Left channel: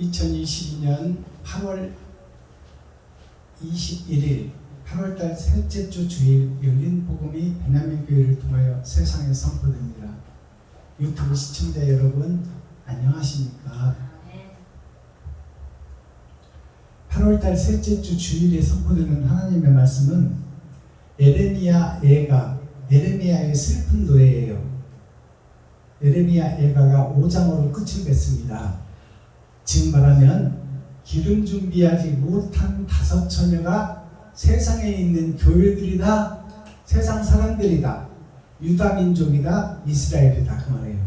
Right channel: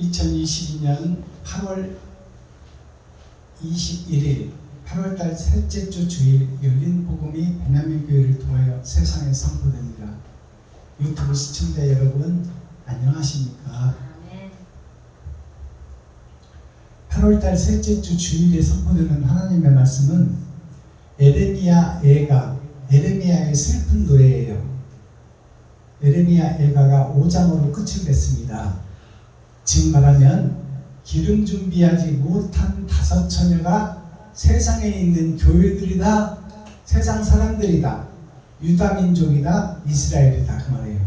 2022년 8월 21일 8월달 셋째 주 주일 열린 복음이 베냐민 교회를 통하여 세상에 선포됩니다. 유튜브 시청자 여러분 안녕하십니까? 8월달 셋째 주 주일에 선포되는 하나님의 말씀은 에레미야 애가, 에레미야의 슬픈 노래예요. 에레미야 애가가 5장으로 끝을 맺습니다. 즉 말하면 기름 준비하지 못한 5처녀가 세상에 있는 교회들이다, 세상 사람들이다, 유다 민족이다, 이스라엘이다 그 말이에요.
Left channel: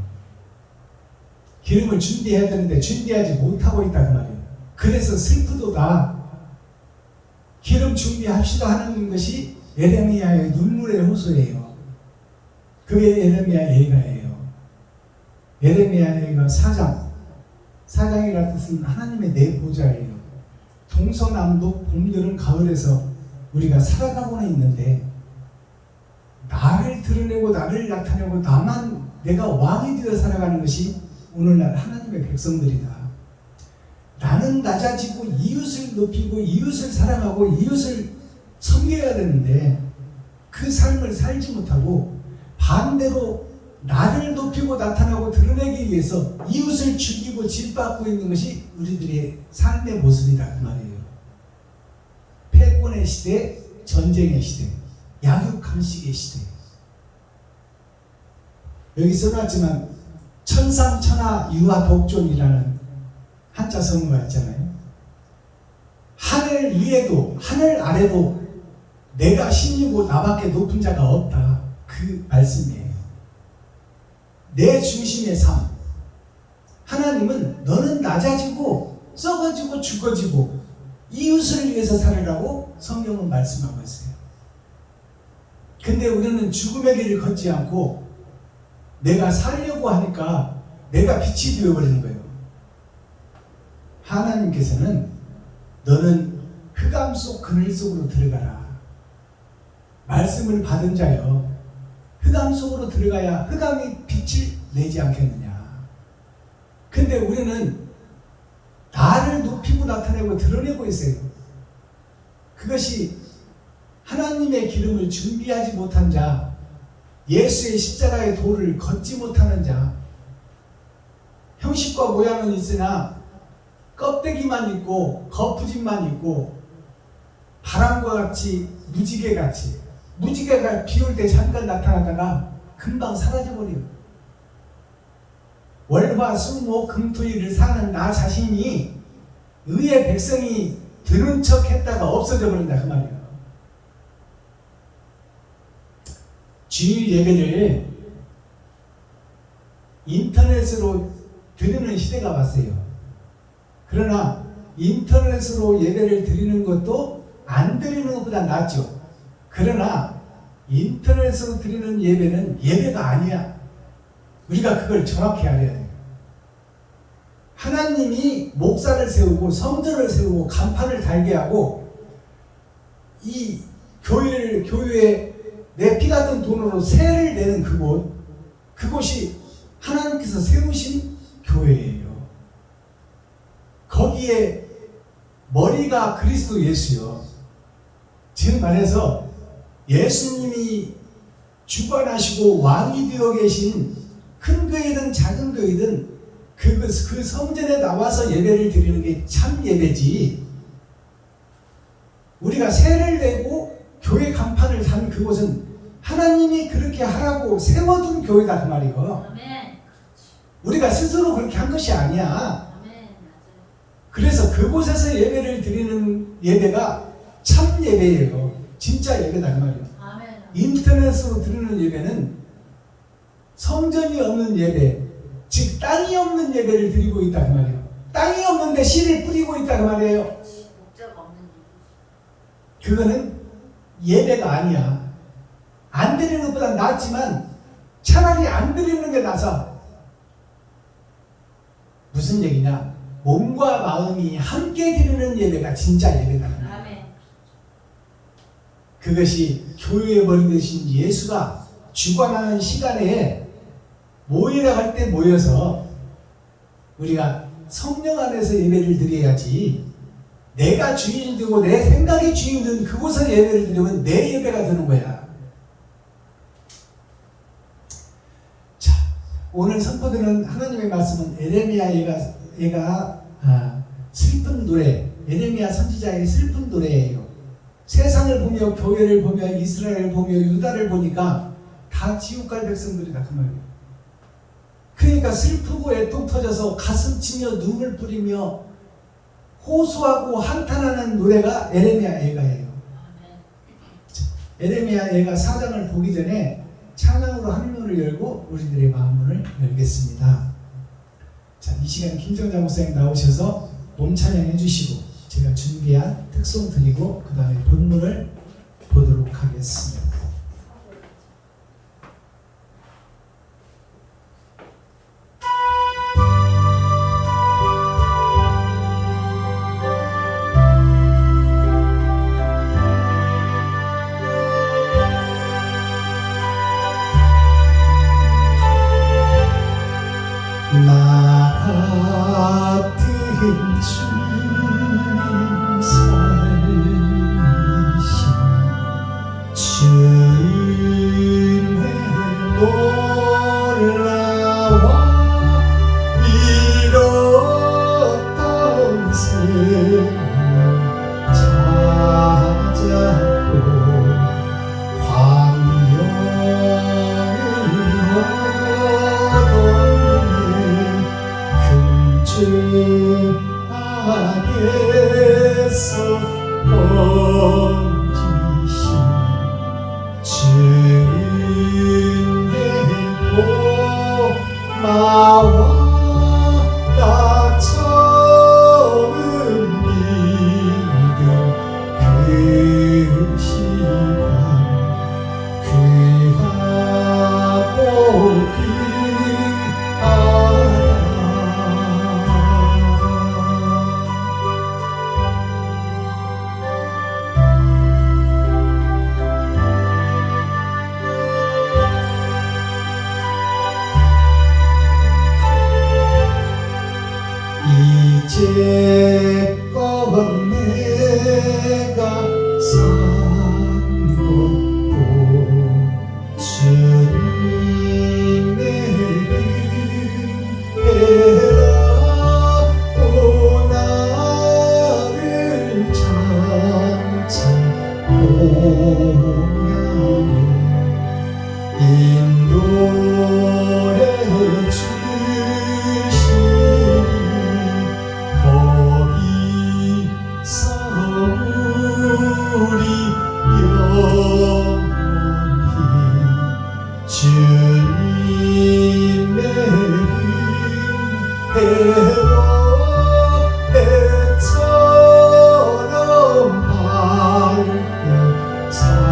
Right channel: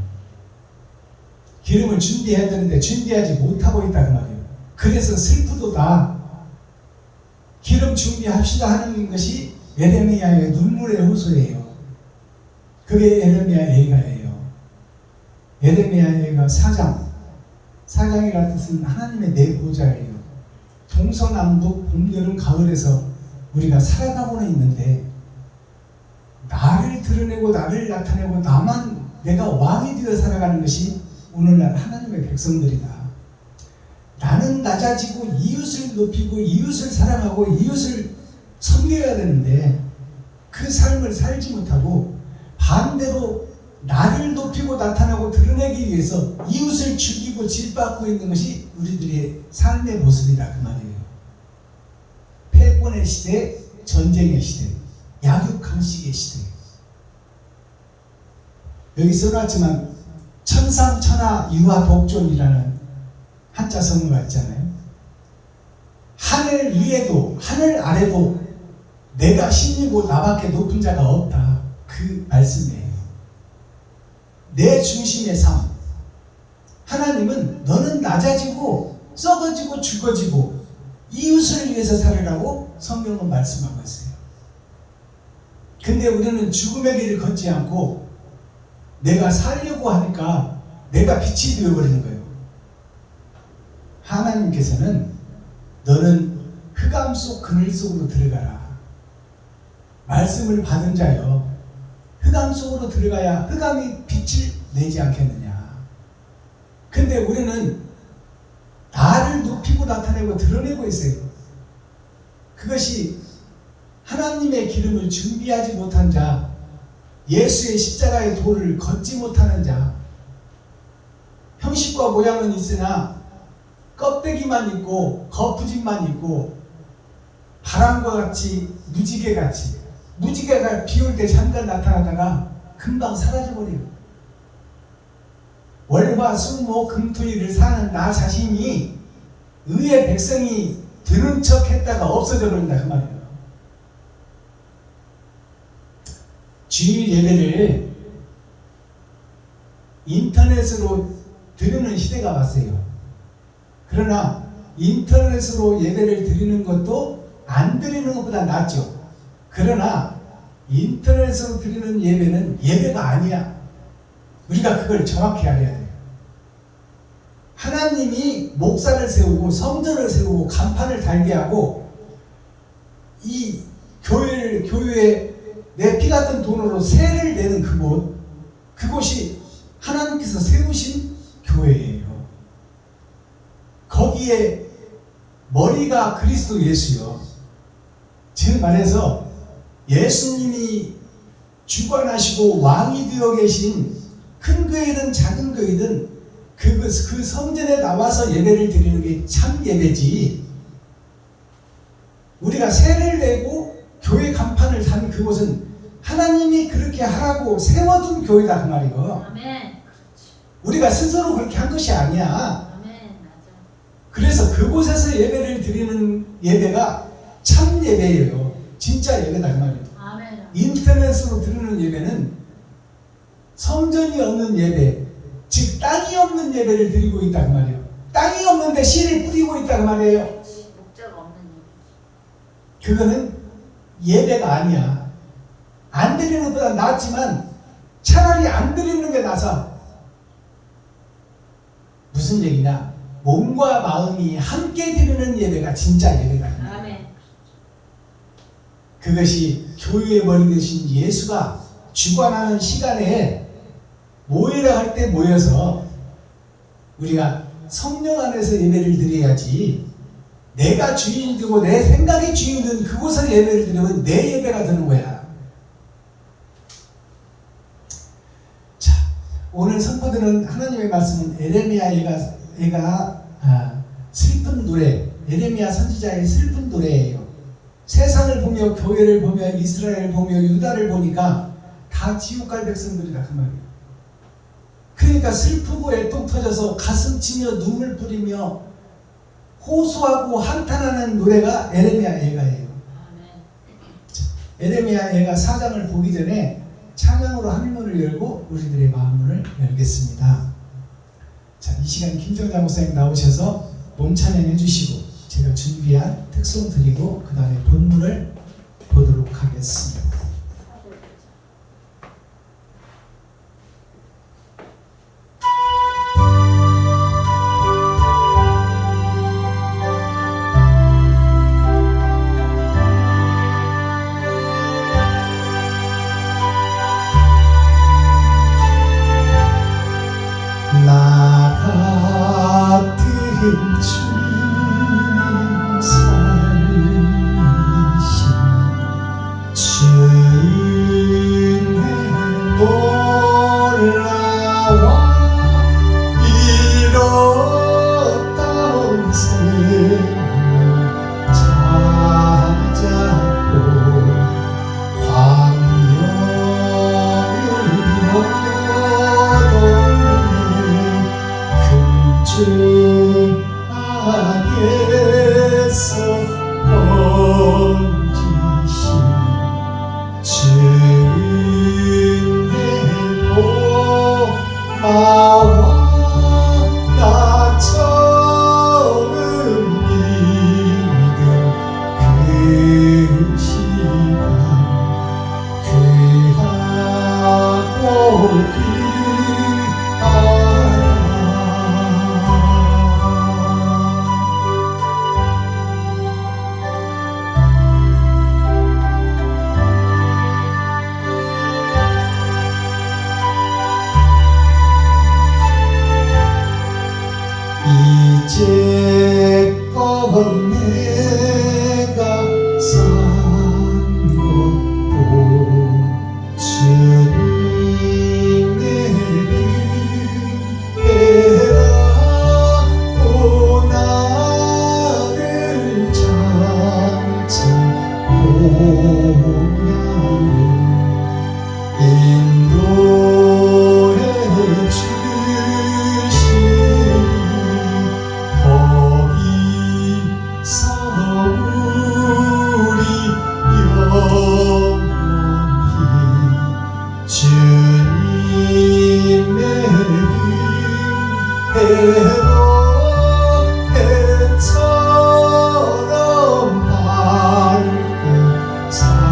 기름을 준비해야 되는데 준비하지 못하고 있다 그 말이에요. 그래서 슬프도다. 기름 준비합시다 하는 것이 에레미야의 눈물의 호소예요. 그게 에레미야 애가예요. 에레미야 애가 4장이라는 뜻은 하나님의 내보좌예요. 동서남북 봄, 여름, 가을에서 우리가 살아가고는 있는데 나를 드러내고 나를 나타내고 나만 내가 왕이 되어 살아가는 것이 오늘날 하나님의 백성들이다. 나는 낮아지고 이웃을 높이고 이웃을 사랑하고 이웃을 섬겨야 되는데 그 삶을 살지 못하고 반대로 나를 높이고 나타나고 드러내기 위해서 이웃을 죽이고 짓밟고 있는 것이 우리들의 삶의 모습이다 그 말이에요. 패권의 시대, 전쟁의 시대, 약육강식의 시대. 여기 써놨지만 천상천하 유아독존이라는 한자 성어가 있잖아요. 하늘 위에도 하늘 아래도 내가 신이고 나밖에 높은 자가 없다. 그 말씀이에요. 내 중심의 삶. 하나님은 너는 낮아지고 썩어지고 죽어지고 이웃을 위해서 살으라고 성경은 말씀하고 있어요. 근데 우리는 죽음의 길을 걷지 않고 내가 살려고 하니까 내가 빛이 되어버리는 거예요. 하나님께서는 너는 흑암 속 그늘 속으로 들어가라. 말씀을 받은 자여, 흑암 속으로 들어가야 흑암이 빛을 내지 않겠느냐. 근데 우리는 나를 높이고 나타내고 드러내고 있어요. 그것이 하나님의 기름을 준비하지 못한 자, 예수의 십자가의 도를 걷지 못하는 자, 형식과 모양은 있으나 껍데기만 있고 거푸집만 있고 바람과 같이 무지개가 비올 때 잠깐 나타나다가 금방 사라져버려요. 월화수목 금토일을 사는 나 자신이 의의 백성이 드는 척 했다가 없어져 버린다 그 말이에요. 주일 예배를 인터넷으로 드리는 시대가 왔어요. 그러나 인터넷으로 예배를 드리는 것도 안 드리는 것보다 낫죠. 그러나 인터넷으로 드리는 예배는 예배가 아니야. 우리가 그걸 정확히 알아야 돼요. 하나님이 목사를 세우고 성전을 세우고 간판을 달게 하고 이 교회에 내 피 같은 돈으로 세를 내는 그곳이 하나님께서 세우신 교회예요. 거기에 머리가 그리스도 예수요. 즉 말해서 예수님이 주관하시고 왕이 되어 계신 큰 교회든 작은 교회든 그 성전에 나와서 예배를 드리는 게 참 예배지. 우리가 세를 내고 교회 간판을 단 그곳은 하나님이 그렇게 하라고 세워둔 교회다 그 말이에요. 아멘. 우리가 스스로 그렇게 한 것이 아니야. 아멘. 그래서 그곳에서 예배를 드리는 예배가 참 예배예요. 진짜 예배다 그 말이에요. 아멘. 인터넷으로 드리는 예배는 성전이 없는 예배, 즉 땅이 없는 예배를 드리고 있다 그 말이에요. 땅이 없는데 씨를 뿌리고 있다 그 말이에요. 목자가 없는 예배. 그거는 예배가 아니야. 안 드리는 것보다 낫지만 차라리 안 드리는 게 나서. 무슨 얘기냐? 몸과 마음이 함께 드리는 예배가 진짜 예배다. 아멘. 그것이 교회의 머리 되신 예수가 주관하는 시간에 모이라 할 때 모여서 우리가 성령 안에서 예배를 드려야지. 내가 주인이 되고 내 생각이 주인이 된 그곳에서 예배를 드리면 내 예배가 되는 거야. 자, 오늘 선포되는 하나님의 말씀은 에레미야 얘가 슬픈 노래, 에레미야 선지자의 슬픈 노래예요. 세상을 보며 교회를 보며 이스라엘을 보며 유다를 보니까 다 지옥갈 백성들이다 그 말이에요. 그러니까 슬프고 애통 터져서 가슴 치며 눈물 뿌리며 호소하고 한탄하는 노래가 에레미야 예가예요. 에레미야 예가 4장을 보기 전에 찬양으로 하늘문을 열고 우리들의 마음을 열겠습니다. 자, 이 시간 김정자 목사님 나오셔서 몸 찬양해 주시고 제가 준비한 특송 드리고 그 다음에 본문을 보도록 하겠습니다. 나 같은 주님 살리신 주의 놀라와 잃었던 생명 찾았고 주 안에서 번지신 주의 보마와 나 처음 믿은 그 시간 귀하고 이제껏 내가 산 것도 주님의 은혜라 또 나를 장차 보냐니 인도해 주님의 은혜로 해처럼 밝게 살면서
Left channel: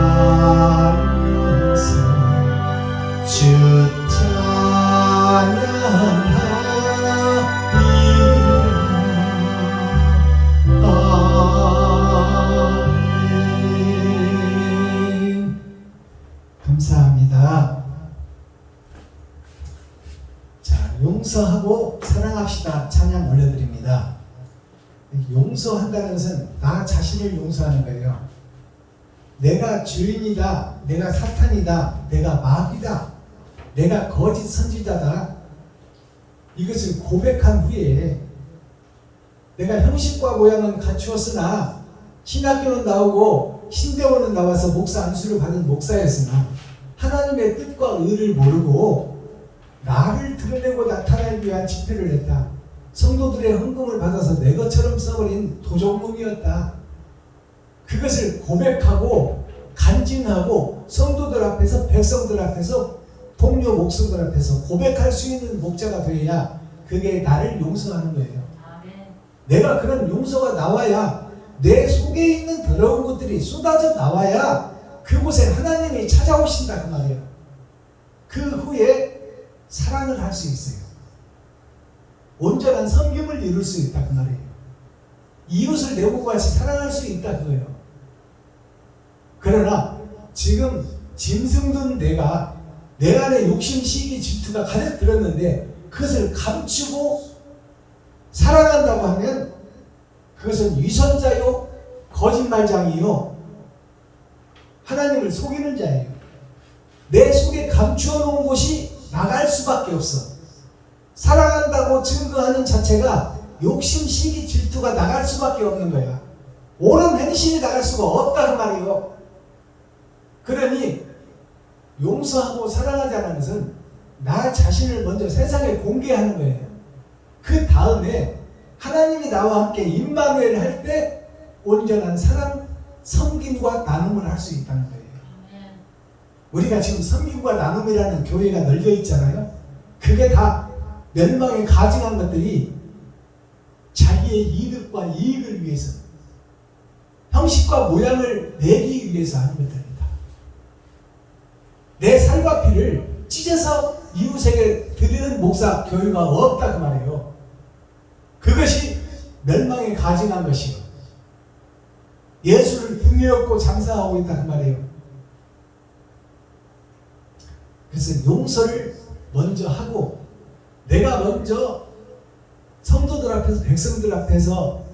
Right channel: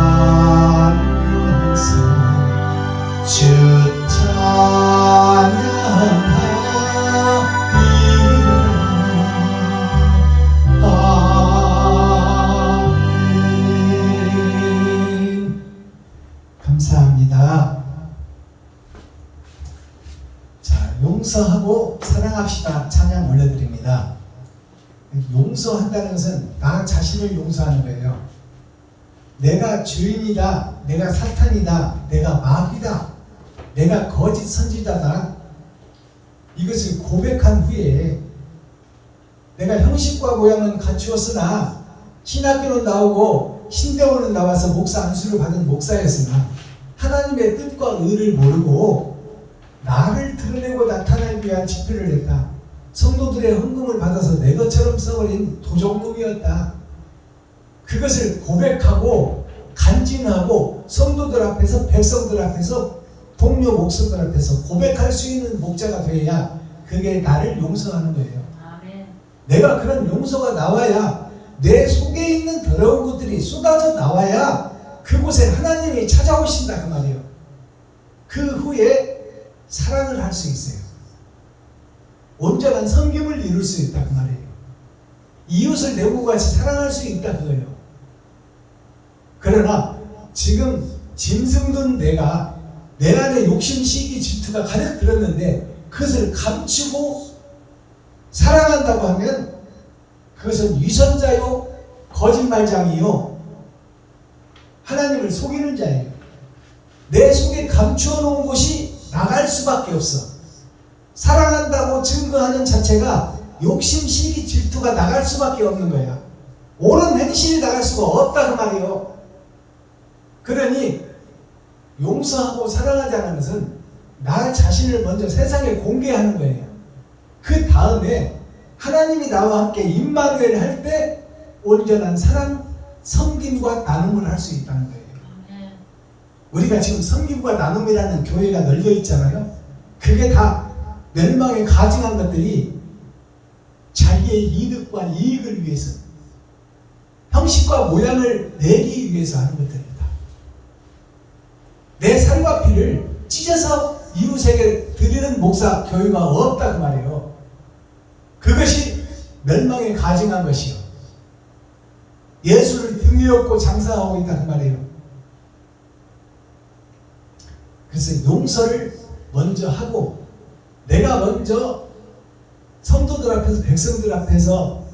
주 찬양하리라. 아멘. 감사합니다. 용서하고 사랑합시다 찬양 올려드립니다. 용서한다는 것은 나 자신을 용서하는 거예요. 내가 죄인이다, 내가 사탄이다, 내가 마귀다, 내가 거짓 선지자다, 이것을 고백한 후에 내가 형식과 모양은 갖추었으나 신학교는 나오고 신대원은 나와서 목사 안수를 받은 목사였으나 하나님의 뜻과 의를 모르고 나를 드러내고 나타내기 위한 집회를 했다. 성도들의 헌금을 받아서 내 것처럼 써버린 도적놈이었다. 그것을 고백하고 간증하고 성도들 앞에서 백성들 앞에서 동료 목사들 앞에서 고백할 수 있는 목자가 되어야 그게 나를 용서하는 거예요. 아멘. 내가 그런 용서가 나와야 내 속에 있는 더러운 것들이 쏟아져 나와야 그곳에 하나님이 찾아오신다 그 말이에요. 그 후에 사랑을 할 수 있어요. 온전한 섬김을 이룰 수 있다 그 말이에요. 이웃을 내 몸과 같이 사랑할 수 있다 그거예요. 그러나 지금 짐승든 내가 내 안에 욕심, 시기, 질투가 가득 들었는데 그것을 감추고 사랑한다고 하면 그것은 위선자요 거짓말장이요 하나님을 속이는 자예요. 내 속에 감추어 놓은 것이 나갈 수밖에 없어. 사랑한다고 증거하는 자체가 욕심, 시기, 질투가 나갈 수밖에 없는 거야. 옳은 행실이 나갈 수가 없다 그 말이에요. 그러니 용서하고 사랑하자는 것은 나 자신을 먼저 세상에 공개하는 거예요. 그 다음에 하나님이 나와 함께 임마누엘 할 때 온전한 사랑, 섬김과 나눔을 할 수 있다는 거예요. 우리가 지금 섬김과 나눔이라는 교회가 널려 있잖아요. 그게 다 멸망에 가증한 것들이 자기의 이득과 이익을 위해서, 형식과 모양을 내기 위해서 하는 것들입니다. 내 살과 피를 찢어서 이웃에게 드리는 목사 교회가 없다 그 말이에요. 그것이 멸망에 가증한 것이요, 예수를 등에 업고 장사하고 있다 그 말이에요. 그래서 용서를 먼저 하고, 내가 먼저 성도들 앞에서, 백성들 앞에서,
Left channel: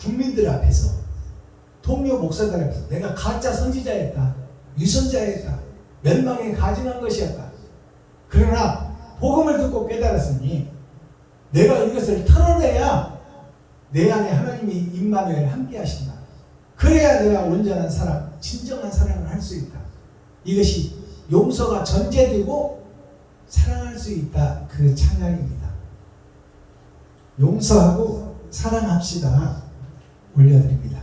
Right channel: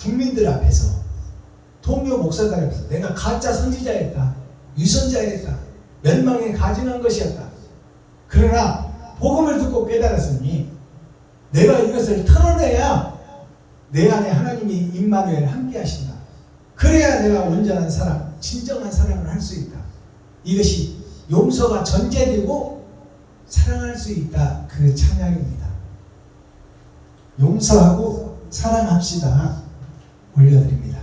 국민들 앞에서, 동료 목사들 앞에서 내가 가짜 선지자였다, 위선자였다, 멸망에 가증한 것이었다. 그러나 복음을 듣고 깨달았으니 내가 이것을 털어내야 내 안에 하나님이 임마누엘 함께 하신다. 그래야 내가 온전한 사랑, 진정한 사랑을 할 수 있다. 이것이 용서가 전제되고 사랑할 수 있다, 그 찬양입니다. 용서하고 사랑합시다 올려드립니다.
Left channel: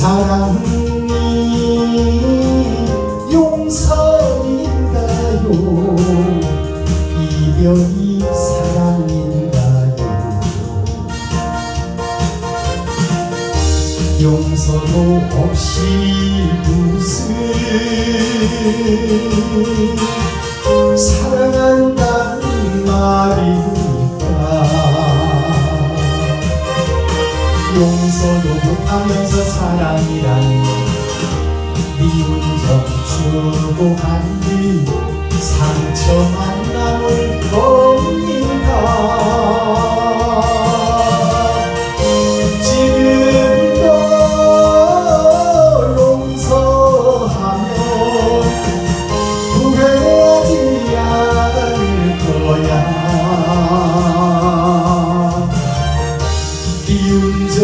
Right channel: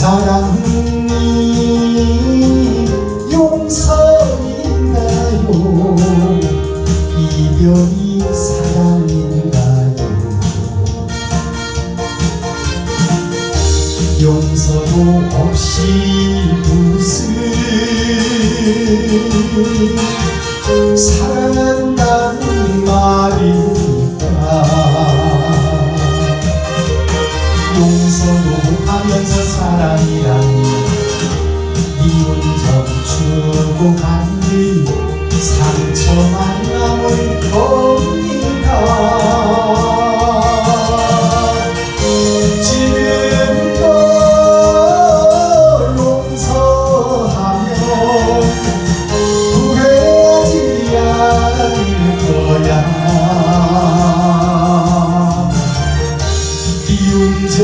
사랑이 용서인가요? 이별이 사랑인가요? 용서도 없이 무슨 사랑한다는 말일까? 용서도 못하면서 사랑이라니 미운 점 주고받는 상처만 남을 겁니다. 지금도 용서하면 후회하지 않을 거야. 미운 점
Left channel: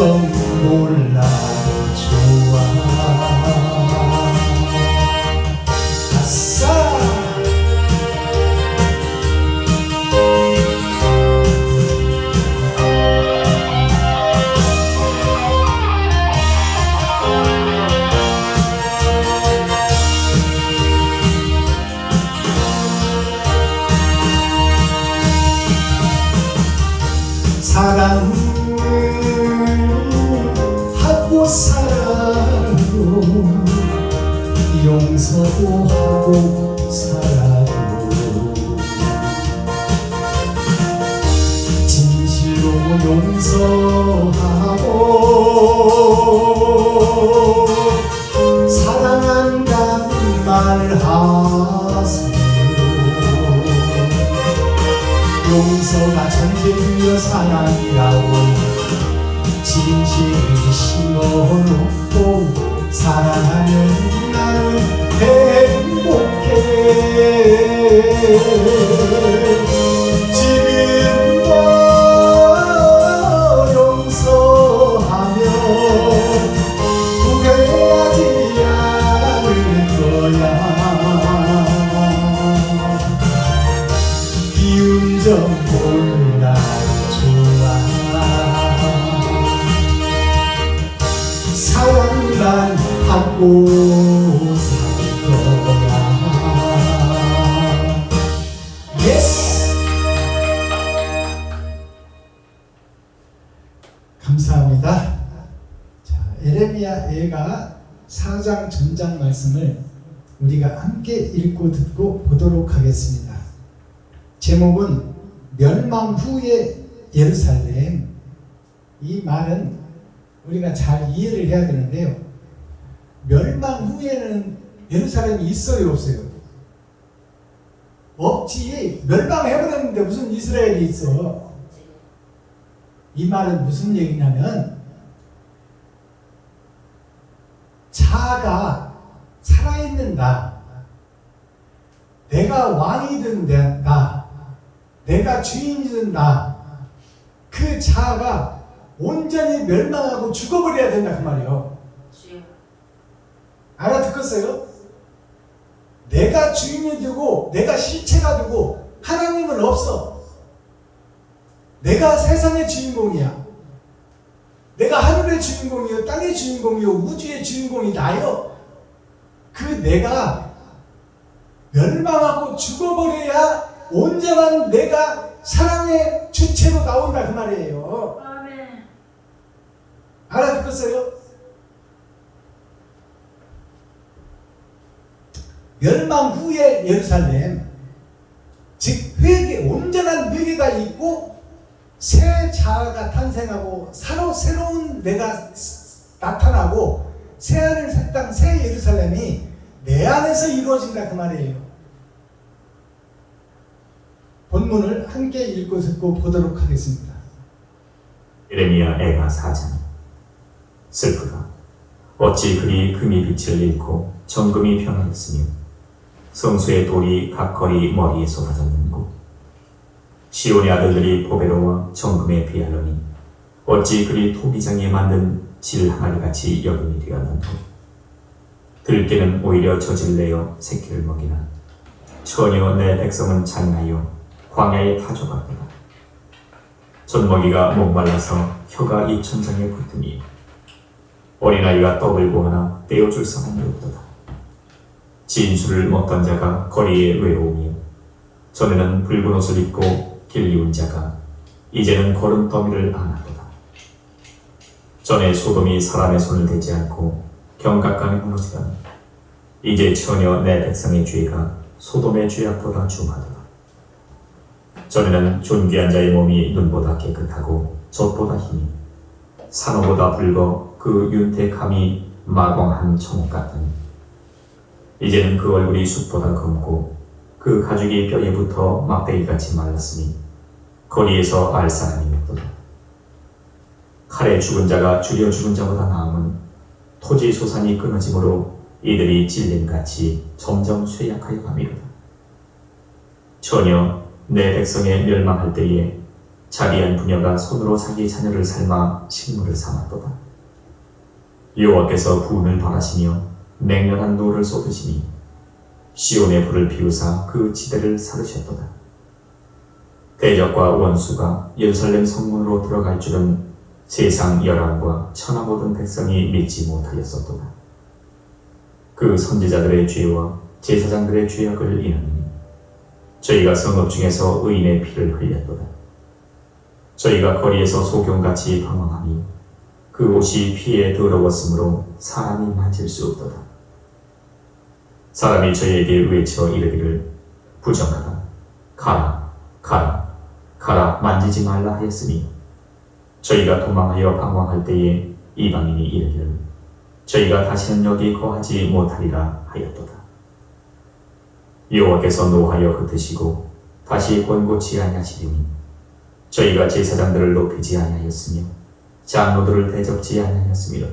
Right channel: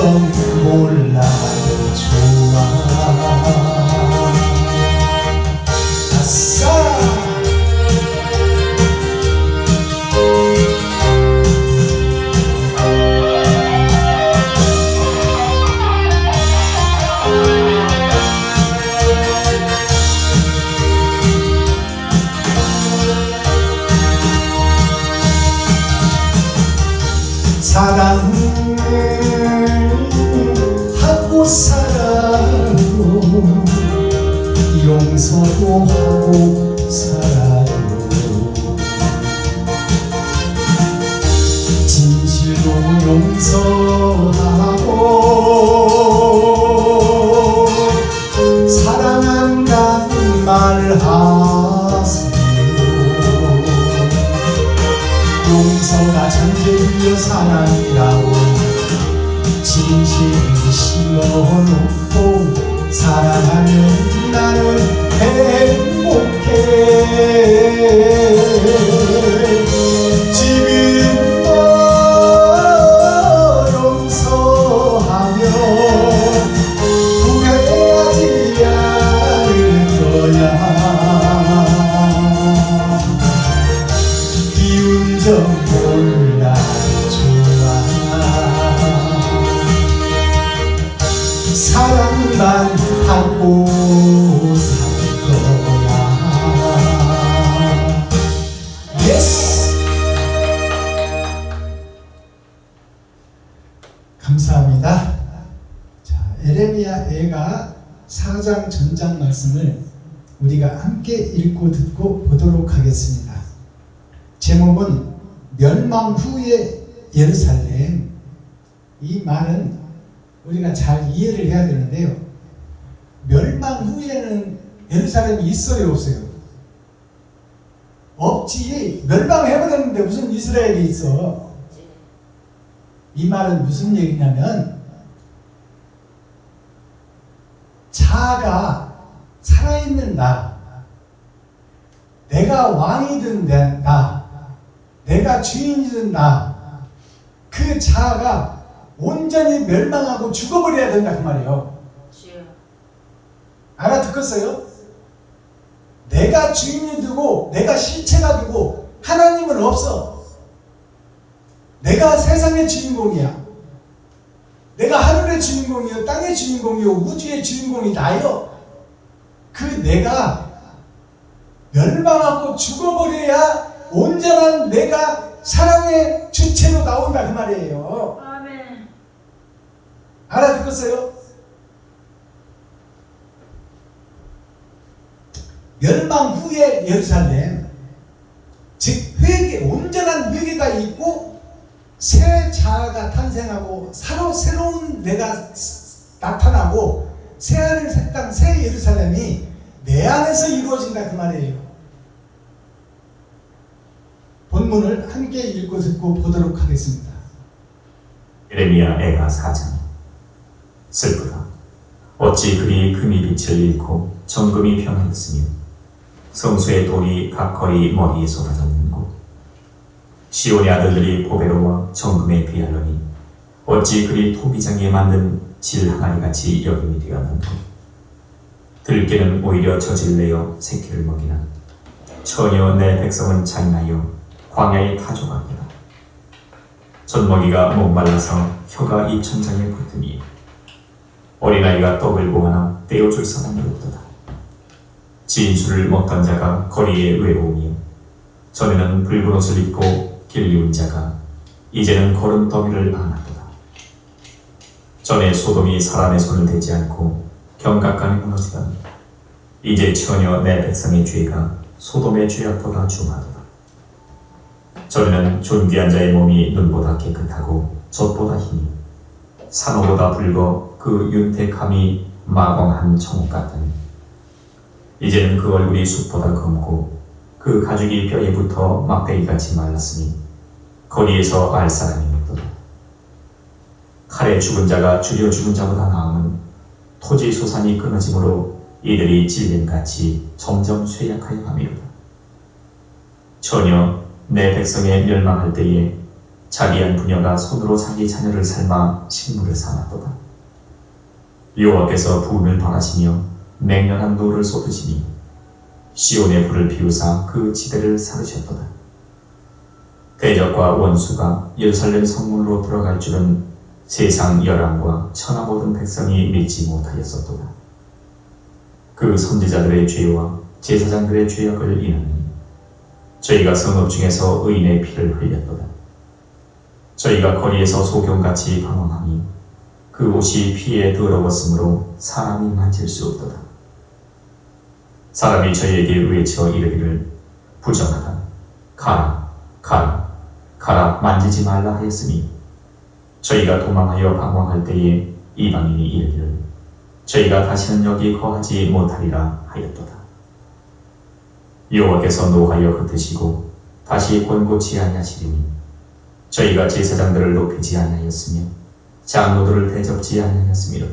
몰라도 좋아. 아싸! 사랑을 하고 살아요. 용서도 하고 살아요. 진실로 용서하고 사랑한다는 말 하세요. 용서가 전제되어 사랑이라고 진실을 심어놓고 사랑하면 나는 행복해. 지금도 용서하면 후회하지 않을 거야. 미운 점 몰라도 좋아. 사랑만 하고 살 거야. 예스! 감사합니다. 에레미야가 4장 전장 말씀을 우리가 함께 읽고 듣고 보도록 하겠습니다. 제목은 멸망 후의 예루살렘. 이 말은 우리가 잘 이해를 해야 되는데요. 멸망 후에는 예루살렘이 있어요, 없어요? 없지. 멸망해버렸는데 무슨 이스라엘이 있어? 이 말은 무슨 얘기냐면 자아가 살아있는 나, 내가 왕이든 나, 내가 주인이든 나, 그 자아가 온전히 멸망하고 죽어버려야 된다 그 말이에요. 알아듣겠어요? 내가 주인이 되고 내가 실체가 되고 하나님은 없어. 내가 세상의 주인공이야. 내가 하늘의 주인공이요, 땅의 주인공이요, 우주의 주인공이 나요. 그 내가 멸망하고 죽어버려야 온전한 내가 사랑의 주체로 나온다 그 말이에요. 아멘. 알아듣겠어요? 멸망 후의 예루살렘, 즉 회개, 온전한 회개가 있고 새 자아가 탄생하고 새로운 내가 나타나고 새하늘 새 땅 새 예루살렘이 내 안에서 이루어진다 그 말이에요. 본문을 함께 읽고 듣고 보도록 하겠습니다. 에레미야 애가 4장. 슬프다. 어찌 그리 금이 빛을 잃고 정금이 변하였으며 성수의 돌이 각 거리 머리에 쏟아졌는고 시온의 아들들이 보배로워 정금에 비하려니 어찌 그리 토기장에 만든 질 항아리같이 여김이 되었는고 들깨는 오히려 젖을 내어 새끼를 먹이나 전혀 내 백성은 잔인하여 광야에 타조가리라. 젖먹이가 목말라서 혀가 입천장에 붙으니 어린아이가 떡을 구하나 떼어줄 사람이 없도다. 진술을 먹던 자가 거리에 외로우며 전에는 붉은 옷을 입고 길리운 자가 이제는 거름더미를 안았도다. 전에 소돔이 사람의 손을 대지 않고 경각간에 무너지더니 이제 전혀 내 백성의 죄가 소돔의 죄악보다 중하도다. 전에는 존귀한 자의 몸이 눈보다 깨끗하고 젖보다 힘이 산호보다 붉어 그 윤택함이 마광한 청옥 같다니 이제는 그 얼굴이 숲보다 검고 그 가죽이 뼈에 붙어 막대기같이 말랐으니 거리에서 알 사람이 없도다. 칼에 죽은 자가 줄여 죽은 자보다 나음은 토지 소산이 끊어짐으로 이들이 질림같이 점점 쇠약하여 가미로다. 전혀 내 백성의 멸망할 때에 자기한 부녀가 손으로 자기 자녀를 삶아 식물을 삼았도다. 여호와께서 분을 바라시며 맹렬한 노를 쏟으시니 시온의 불을 피우사 그 지대를 사르셨도다. 대적과 원수가 예루살렘 성문으로 들어갈 줄은 세상 열왕과 천하 모든 백성이 믿지 못하였었도다. 그 선지자들의 죄와 제사장들의 죄악을 인하니 저희가 성읍 중에서 의인의 피를 흘렸도다. 저희가 거리에서 소경같이 방황하니 그 옷이 피에 더러웠으므로 사람이 만질 수 없도다. 사람이 저희에게 외쳐 이르기를 부정하다. 가라, 가라, 가라, 만지지 말라 하였으니 저희가 도망하여 방황할 때에 이방인이 이르기를 저희가 다시는 여기 거하지 못하리라 하였도다. 여호와께서 노하여 흩으시고 다시 권고치 아니하시리니 저희가 제사장들을 높이지 아니하였으며 장로들을 대접지 아니하였으며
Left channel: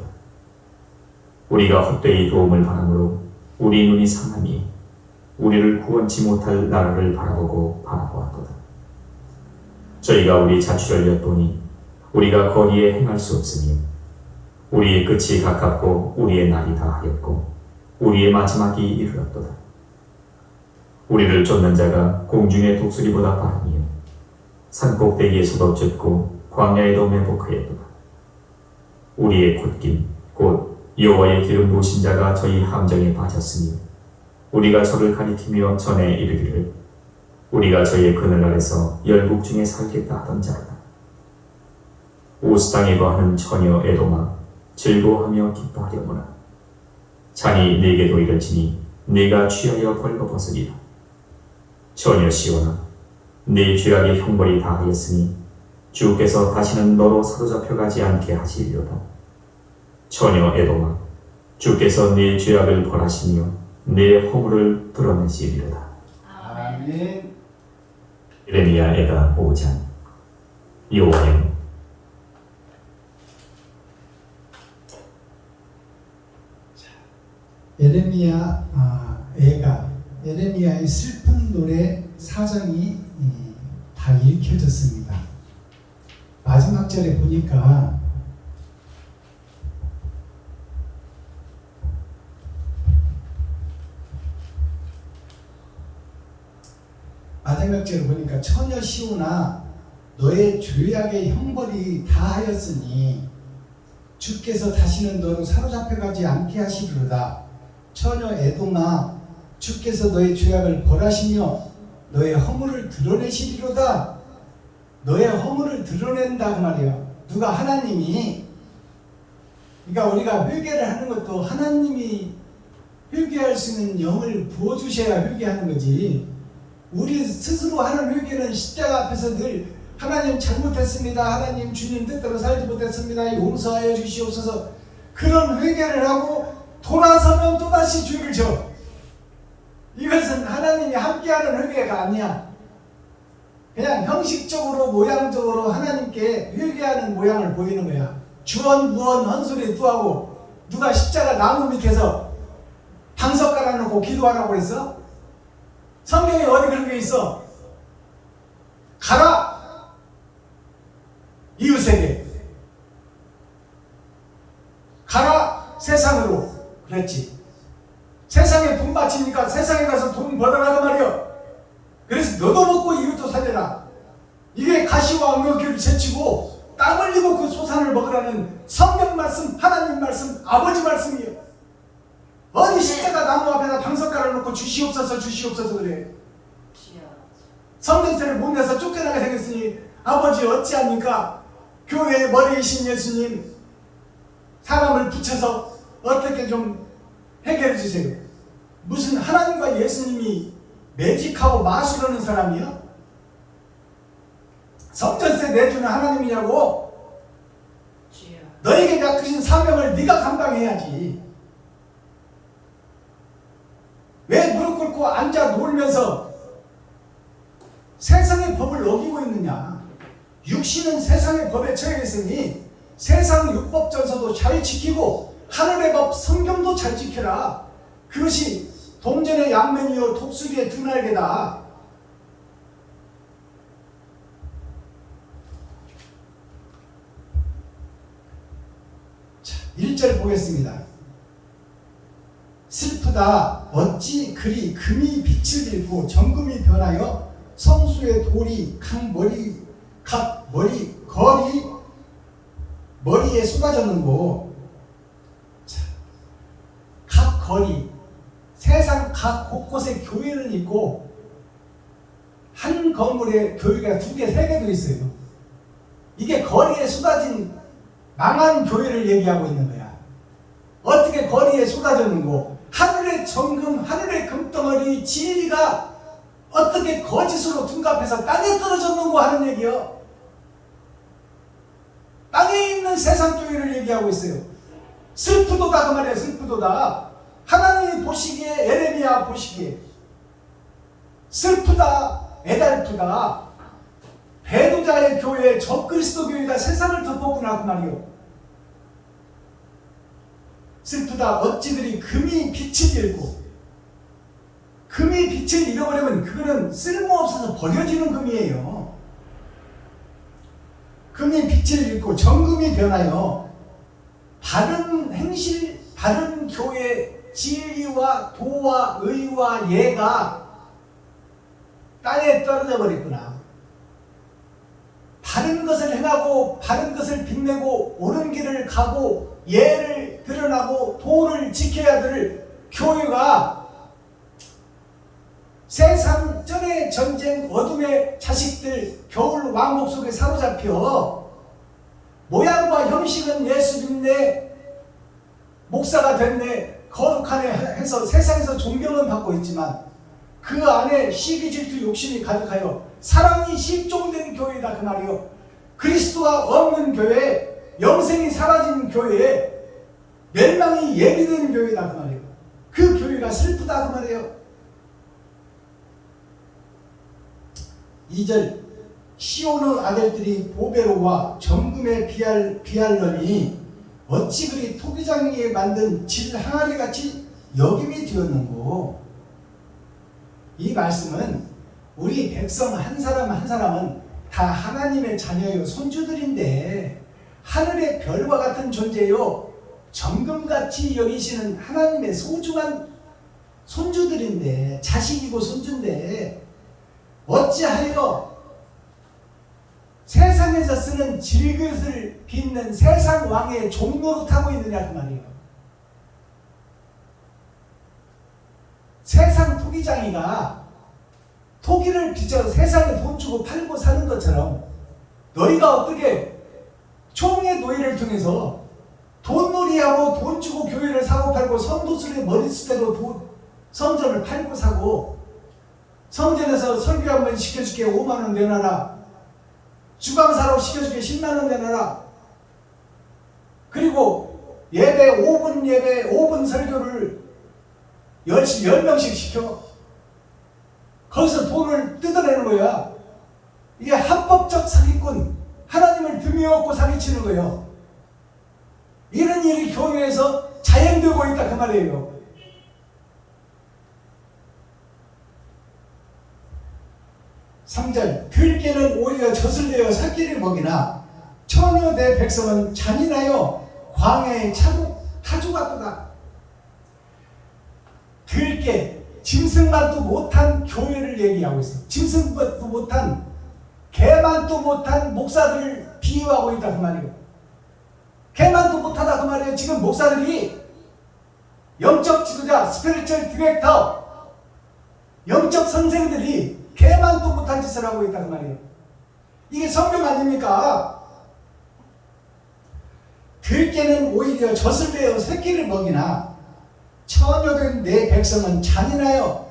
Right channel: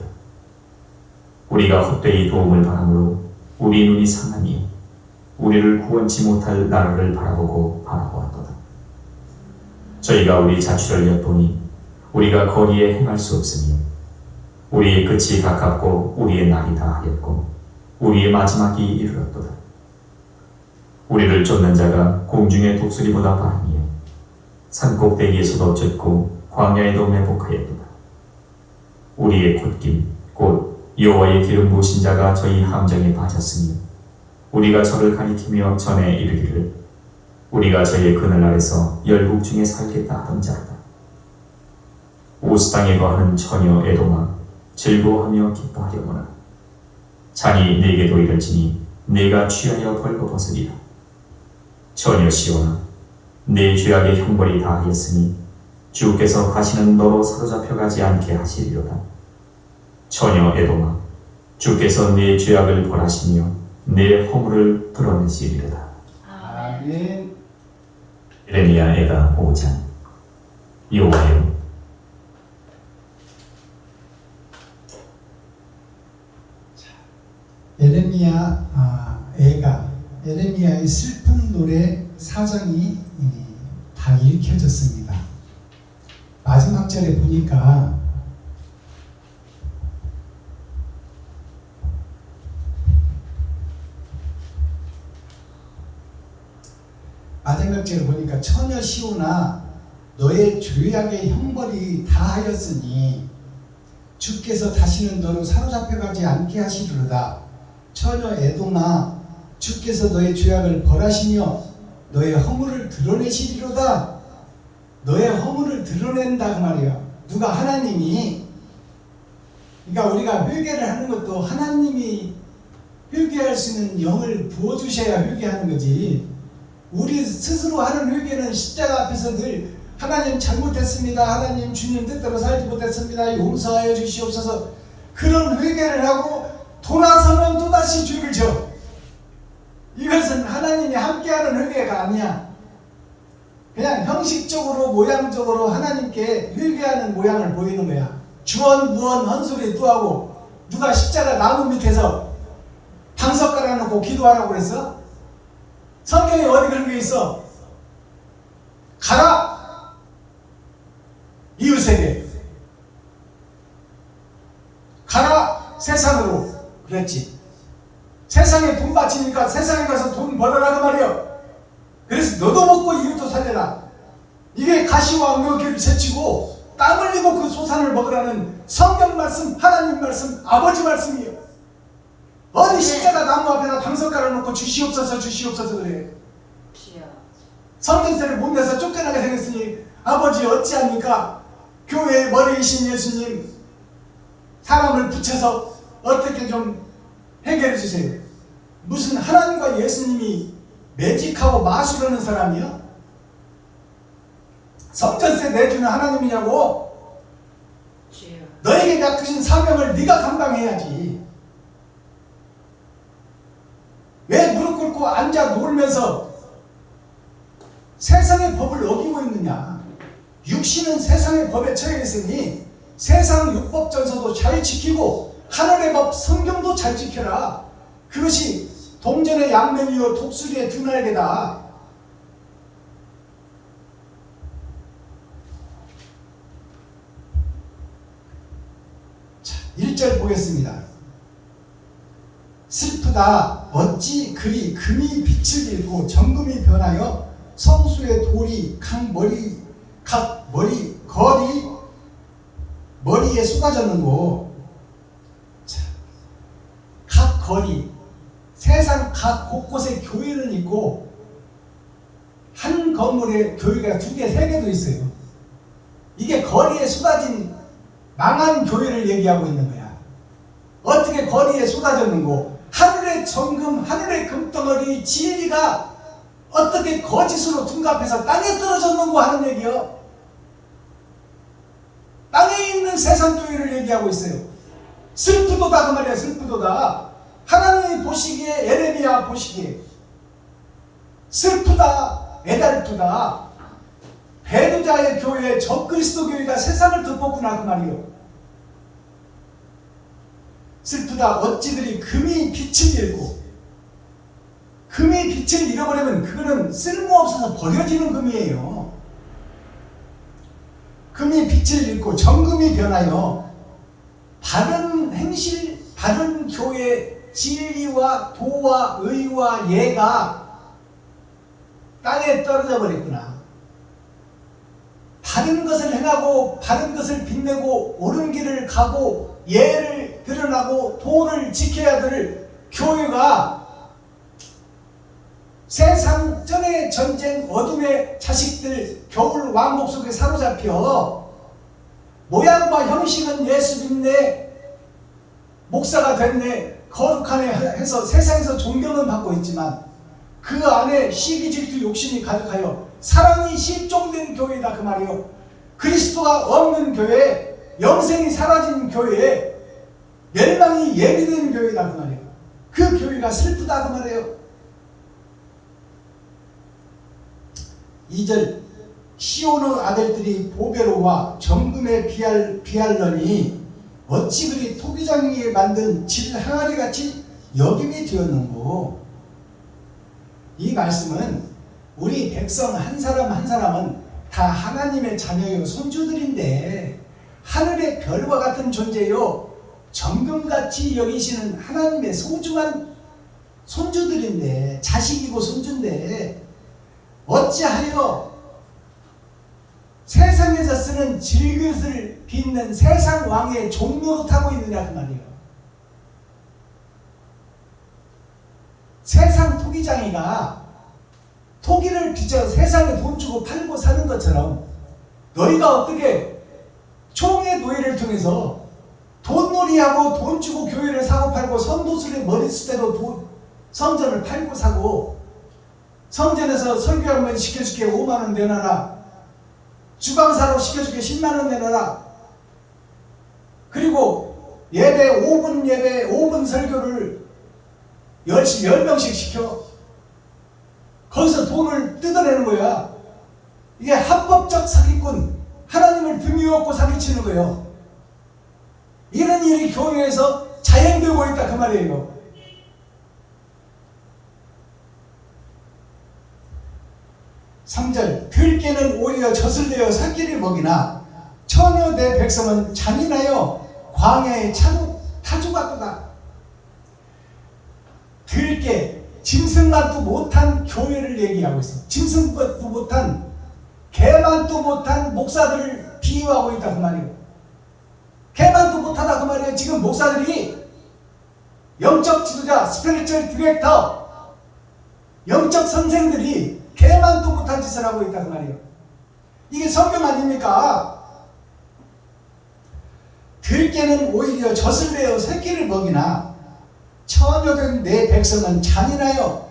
우리가 헛되이 도움을 바라므로 우리 눈이 상하니 우리를 구원치 못할 나라를 바라보고 바라보았도다. 저희가 우리 자취를 엿보니 우리가 거리에 행할 수 없으니 우리의 끝이 가깝고 우리의 날이 다하였고 우리의 마지막이 이르렀도다. 우리를 쫓는 자가 공중의 독수리보다 빠르며 산꼭대기에서도 쫓고 광야에도 매복하였도다. 우리의 콧길 곧 여호와의 기름 부으신 자가 저희 함정에 빠졌으니 우리가 저를 가리키며 전에 이르기를 우리가 저희의 그늘 아래서 열국 중에 살겠다 하던 자로다. 우스 땅에 거하는 처녀 에돔아 즐거워하며 기뻐하려거나 잔이 내게도 이럴지니 내가 취하여 벌거벗으리라. 처녀 시온아, 내 죄악의 형벌이 다하였으니 주께서 다시는 너로 사로잡혀가지 않게 하시리로다. 처녀 에돔아, 주께서 내 죄악을 벌하시며 내 허물을 드러내시리로다. 아멘. 예레미야 애가 5장. 여호와여, 에레미야의 슬픈 노래 4장이 다 읽혀졌습니다. 마지막 절에 보니까 처녀 시온아, 너의 죄악의 형벌이 다하였으니 주께서 다시는 너로 사로잡혀가지 않게 하시리로다. 처녀 에돔아, 주께서 너의 죄악을 벌하시며 너의 허물을 드러내시리로다. 너의 허물을 드러낸다 그 말이야. 누가? 하나님이. 그러니까 우리가 회개를 하는 것도 하나님이 회개할 수 있는 영을 부어주셔야 회개하는 거지. 우리 스스로 하는 회개는 십자가 앞에서 늘 하나님 잘못했습니다, 하나님 주님 뜻대로 살지 못했습니다, 용서하여 주시옵소서, 그런 회개를 하고 돌아서면 또다시 죄를 져. 이것은 하나님이 함께하는 회개가 아니야. 그냥 형식적으로 모양적으로 하나님께 회개하는 모양을 보이는 거야. 주원 무원 헛소리 또 하고. 누가 십자가 나무 밑에서 방석 깔아놓고 기도하라고 그랬어? 성경에 어디 그런 게 있어? 가라! 이웃에게 가라! 세상으로 그랬지. 세상에 돈 바치니까 세상에 가서 돈 벌어라 그 말이야. 그래서 너도 먹고 이웃도 살려라. 이게 가시와 엉겅퀴를 제치고 땀 흘리고 그 소산을 먹으라는 성경 말씀, 하나님 말씀, 아버지 말씀이요. 어디 십자가 나무 앞에다 방석 깔아놓고 주시옵소서 주시옵소서 그래. 성전세를 못 내서 쫓겨나게 생겼으니 아버지 어찌합니까? 교회의 머리이신 예수님, 사람을 붙여서 어떻게 좀 해결해 주세요. 무슨 하나님과 예수님이 매직하고 마술하는 사람이야? 성전세 내주는 하나님이냐고? 너에게 맡기신 사명을 네가 감당해야지. 왜 무릎 꿇고 앉아 놀면서 세상의 법을 어기고 있느냐? 육신은 세상의 법에 처해 있으니 세상 율법전서도 잘 지키고 하늘의 법 성경도 잘 지켜라. 그것이 동전의 양면이요 독수리의 등날개다. 자, 1절 보겠습니다. 슬프다. 어찌 그리 금이 빛을 잃고 정금이 변하여 성수의 돌이 각 머리에 쏟아졌는고. 각 거리, 세상 각 곳곳에 교회는 있고 한 건물에 교회가 2개, 3개도 있어요. 이게 거리에 쏟아진 망한 교회를 얘기하고 있는 거야. 어떻게 거리에 쏟아졌는고? 하늘의 정금, 하늘의 금덩어리 진리가 어떻게 거짓으로 둔갑해서 땅에 떨어졌는고 하는 얘기요. 땅에 있는 세상 교회를 얘기하고 있어요. 슬프도다 그 말이야. 슬프도다. 하나님이 보시기에, 에레미야 보시기에 슬프다, 애달프다. 배도자의 교회, 적그리스도 교회가 세상을 덮었구나 그 말이요. 슬프다. 어찌 그리 금이 빛을 잃고. 금이 빛을 잃어버리면 그거는 쓸모없어서 버려지는 금이에요. 금이 빛을 잃고 정금이 변하여 바른 행실, 바른 교회 진리와 도와 의와 예가 땅에 떨어져 버렸구나. 바른 것을 행하고 바른 것을 빛내고 옳은 길을 가고 예를 드러나고 도를 지켜야 될 교회가 세상 전의 전쟁 어둠의 자식들 겨울 왕국 속에 사로잡혀 모양과 형식은 예수 믿네, 목사가 됐네, 거룩하네 해서 세상에서 존경은 받고 있지만 그 안에 시기 질투 욕심이 가득하여 사랑이 실종된 교회다 그 말이요. 그리스도가 없는 교회, 영생이 사라진 교회에 멸망이 예비된 교회다 그 말이에요. 그 교회가 슬프다 그 말이에요. 2절 시온의 아들들이 보배로와 정금에 비할러니 어찌 그리 토기장이에 만든 질 항아리같이 여김이 되었는고. 이 말씀은 우리 백성 한 사람 한 사람은 다 하나님의 자녀요 손주들인데 하늘의 별과 같은 존재요 정금같이 여기시는 하나님의 소중한 손주들인데, 자식이고 손주인데 어찌하여 세상에서 쓰는 질그릇을 빚는 세상 왕의 종로로 타고 있느냐 그 말이에요. 세상 토기장이가 토기를 빚어 세상에 돈 주고 팔고 사는 것처럼 너희가 어떻게 총의 노예를 통해서 돈놀이하고 돈 주고 교회를 사고 팔고 선도술의 머리수대로 성전을 팔고 사고, 성전에서 설교 한번 시켜줄게 5만원 내놔라, 주방사로 시켜줄게 10만원 내놔라, 그리고 예배 5분 예배 5분 설교를 10명씩 시켜 거기서 돈을 뜯어내는 거야. 이게 합법적 사기꾼, 하나님을 등에 업고 사기치는 거예요. 이런 일이 교회에서 자행되고 있다 그 말이에요. (3절) 들깨는 오히려 젖을 내어 새끼를 먹이나 처녀 내 백성은 잔인하여 광야의 타조같도다. 들깨, 짐승만도 못한 교회를 얘기하고 있어. 짐승만도 못한, 개만도 못한 목사들을 비유하고 있다 그 말이에요. 개만도 못하다 그 말이에요. 지금 목사들이 영적 지도자, 스피리추얼 디렉터, 영적 선생들이 개만도 못한 짓을 하고 있다 그 말이에요. 이게 성경 아닙니까? 들깨는 오히려 젖을 내어 새끼를 먹이나 처녀된 내 백성은 잔인하여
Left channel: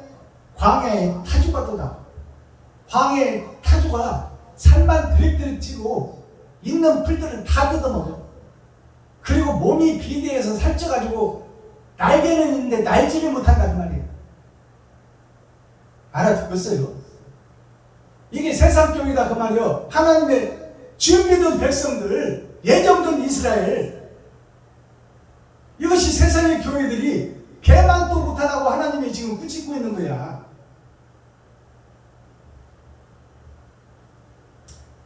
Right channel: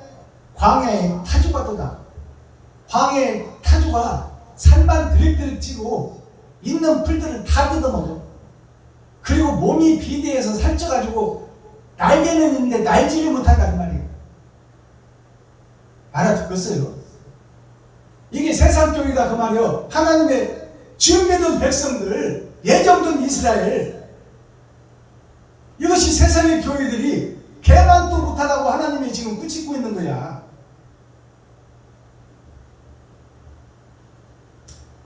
광야의 타조같도다. 광야의 타조가 살만 드릭드릭 찌고 있는 풀들을 다 뜯어먹어. 그리고 몸이 비대해서 살쪄가지고 날개는 있는데 날지를 못한다 그 말이에요. 알아듣겠어요? 이게 세상 쪽이다 그 말이에요. 하나님의 준비된 백성들, 예정된 이스라엘, 이것이 세상의 교회들이 개만도 못하다고 하나님이 지금 꾸짖고 있는 거야.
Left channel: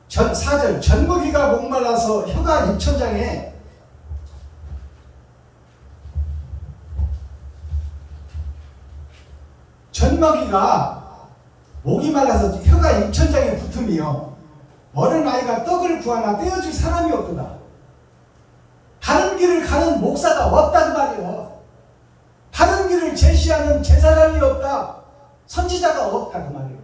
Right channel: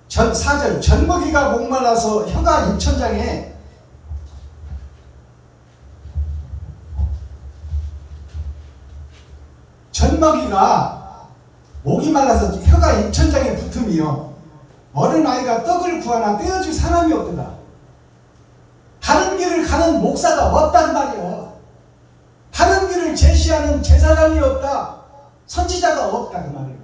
4절 전먹이가 목말라서 혀가 입천장에 전먹이가 목이 말라서 혀가 입천장에 붙으며 어린아이가 떡을 구하나 떼어줄 사람이 없더라. 바른 길을 가는 목사가 없단 말이요. 바른 길을 제시하는 제사장이 없다. 선지자가 없다 그 말이에요.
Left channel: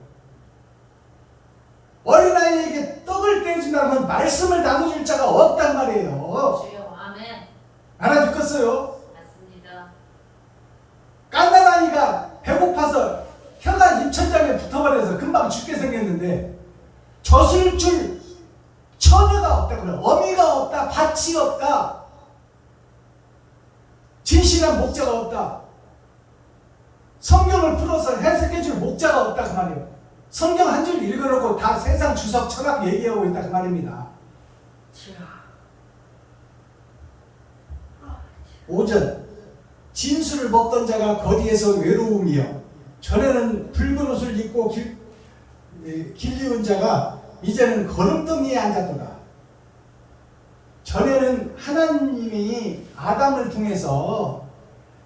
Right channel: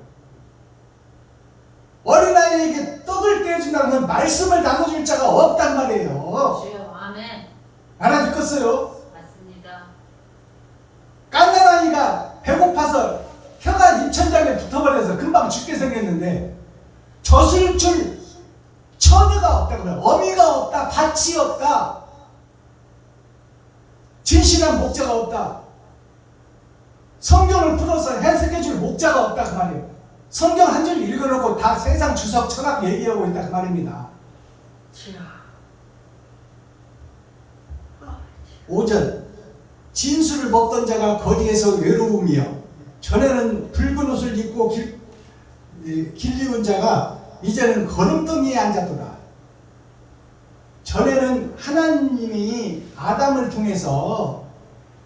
어린아이에게 떡을 떼어준다고 하면 말씀을 나눠줄 자가 없단 말이에요. 아멘. 알아듣겠어요? 맞습니다. 깐난아이가 배고파서 혀가 입천장에 붙어버려서 금방 죽게 생겼는데 젖을 줄 처녀가 없다 그래. 어미가 없다. 밭이 없다. 진실한 목자가 없다. 성경을 풀어서 해석해줄 목자가 없다 그 말이에요. 성경 한 줄 읽어놓고 다 세상 주석 철학 얘기하고 있다 그 말입니다. 5절 진수를 먹던 자가 거리에서 외로우며, 전에는 붉은 옷을 입고 길리운 자가 이제는 거름덩이에 앉았도다. 전에는 하나님이 아담을 통해서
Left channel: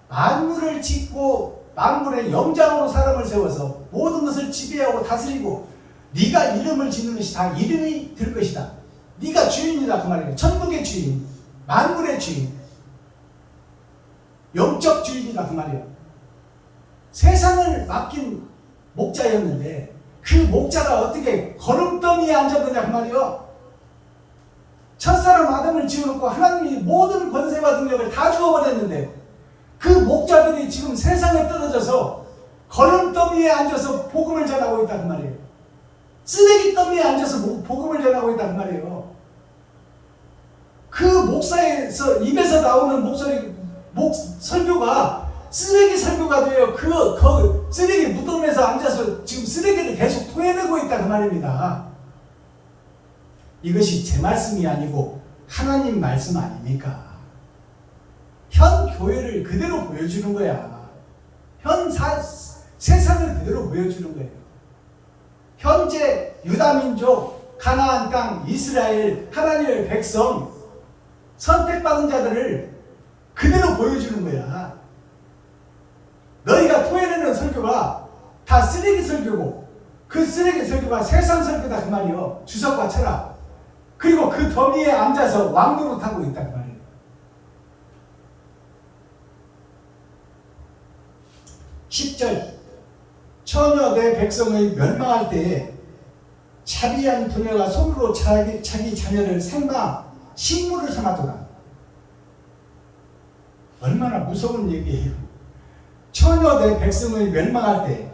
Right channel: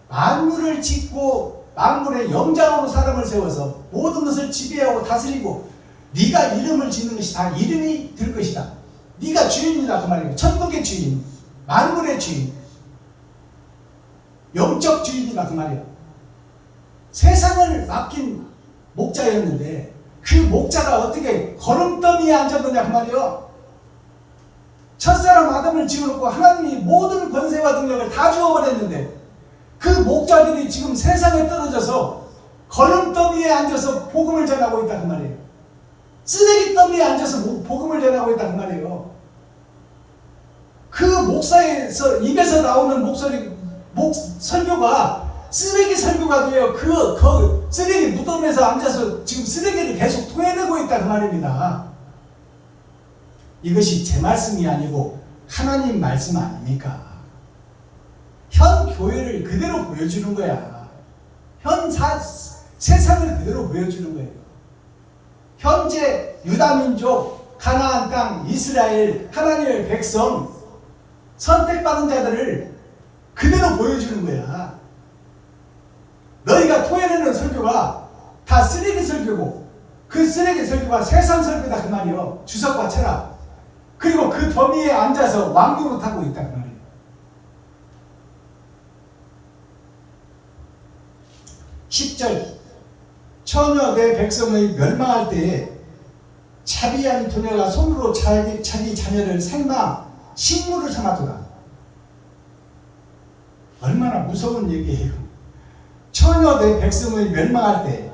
만물을 짓고 만물의 영장으로 사람을 세워서 모든 것을 지배하고 다스리고 네가 이름을 짓는 것이 다 이름이 될 것이다. 네가 주인이다 그 말이에요. 천국의 주인, 만물의 주인, 영적 주인이다 그 말이에요. 세상을 맡긴 목자였는데 그 목자가 어떻게 거름더미에 앉았느냐 그 말이에요. 첫사람 아담을 지어놓고 하나님이 모든 권세와 능력을 다 주어버렸는데 그 목자들이 지금 세상에 떨어져서 거름더미에 앉아서 복음을 전하고 있다 그 말이에요. 쓰레기 더미에 앉아서 복음을 전하고 있다 그 말이에요. 그 목사에서 입에서 나오는 설교가 쓰레기 설교가 돼요. 그 쓰레기 무덤에서 앉아서 지금 쓰레기를 계속 토해내고 있다 그 말입니다. 이것이 제 말씀이 아니고 하나님 말씀 아닙니까? 현 교회를 그대로 보여주는 거야. 세상을 그대로 보여주는 거예요. 현재 유다민족, 가나안 땅, 이스라엘, 하나님의 백성, 선택받은 자들을 그대로 보여주는 거야. 너희가 토해내는 설교가 다 쓰레기 설교고 그 쓰레기 설교가 세상 설교다 그 말이요. 주석과 철학. 그리고 그 더미에 앉아서 왕노릇하고 있다 그 말이에요. (10절) 처녀 내 백성의 멸망할 때에 자비한 부녀가 손으로 자기 자녀를 생마 식물을 삼았도다. 얼마나 무서운 얘기예요. 처녀 내 백성의 멸망할 때,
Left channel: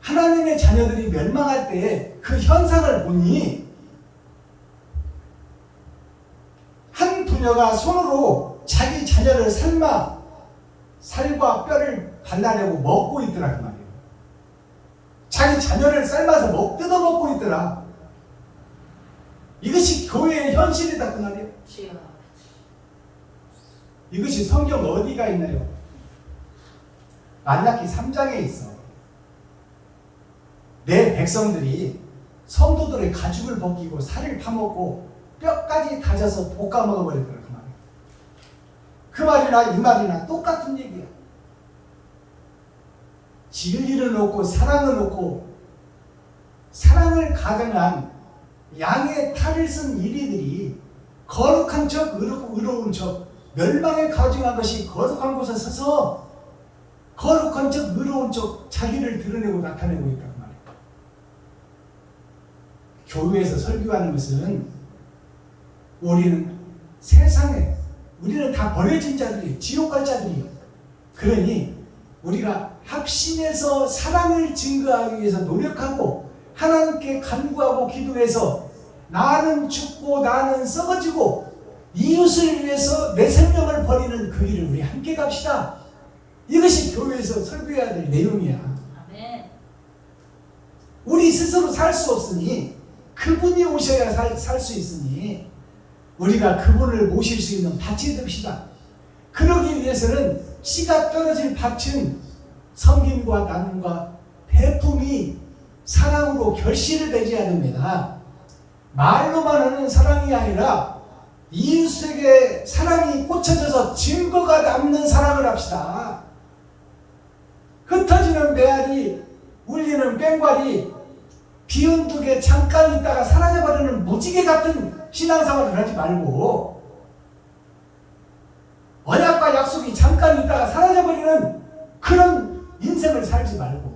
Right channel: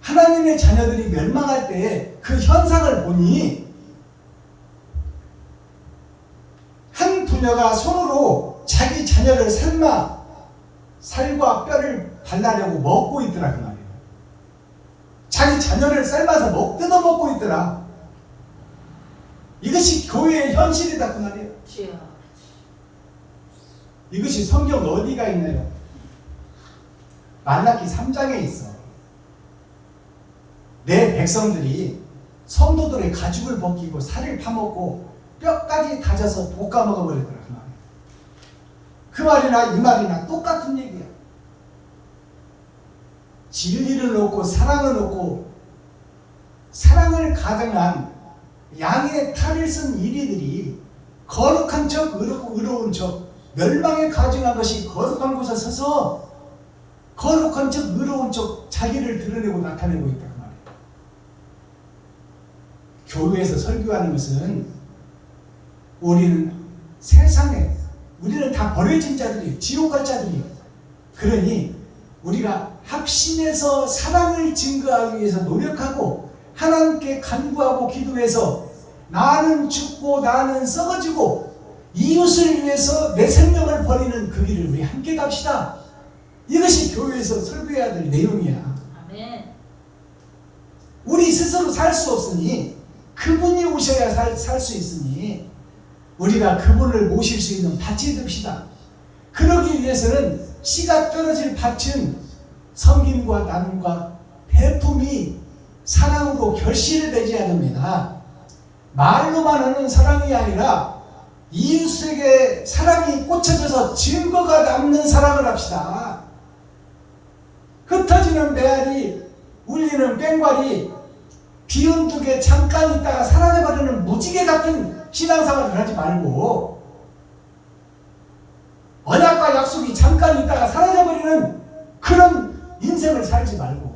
하나님의 자녀들이 멸망할 때에 그 현상을 보니 한 부녀가 손으로 자기 자녀를 삶아 살과 뼈를 발라내고 먹고 있더라 그 말이에요. 자기 자녀를 삶아서 뜯어 먹고 있더라. 이것이 교회의 현실이다 그 말이에요. 이것이 성경 어디가 있나요? 말라기 3장에 있어. 내 백성들이 성도들의 가죽을 벗기고 살을 파먹고 뼈까지 다져서 볶아 먹어버리더라 그 말이에요. 그 말이나 이 말이나 똑같은 얘기야. 진리를 놓고 사랑을 놓고 사랑을 가정한 양의 탈을 쓴 이리들이 거룩한 척 의로운 척 멸망에 가증한 것이 거룩한 곳에 서서 거룩한 척 의로운 척 자기를 드러내고 나타내고 있다 그 말이에요. 교회에서 설교하는 것은 우리는 세상에 우리는 다 버려진 자들이에요. 지옥 갈 자들이에요. 그러니 우리가 합심해서 사랑을 증거하기 위해서 노력하고 하나님께 간구하고 기도해서 나는 죽고 나는 썩어지고 이웃을 위해서 내 생명을 버리는 그 길을 우리 함께 갑시다. 이것이 교회에서 설교해야 될 내용이야. 우리 스스로 살 수 없으니 그분이 오셔야 살 수 있으니 우리가 그분을 모실 수 있는 밭이 됩시다. 그러기 위해서는 씨가 떨어질 밭은 섬김과 나눔과 배품이 사랑으로 결실을 맺어야 됩니다. 말로만 하는 사랑이 아니라 이웃에게 사랑이 꽂혀져서 증거가 남는 사랑을 합시다. 흩어지는 메아리, 울리는 꽹과리, 비운두개 잠깐 있다가 사라져버리는 무지개 같은 신앙생활을 하지 말고 언약과 약속이 잠깐 있다가 사라져버리는 그런 인생을 살지 말고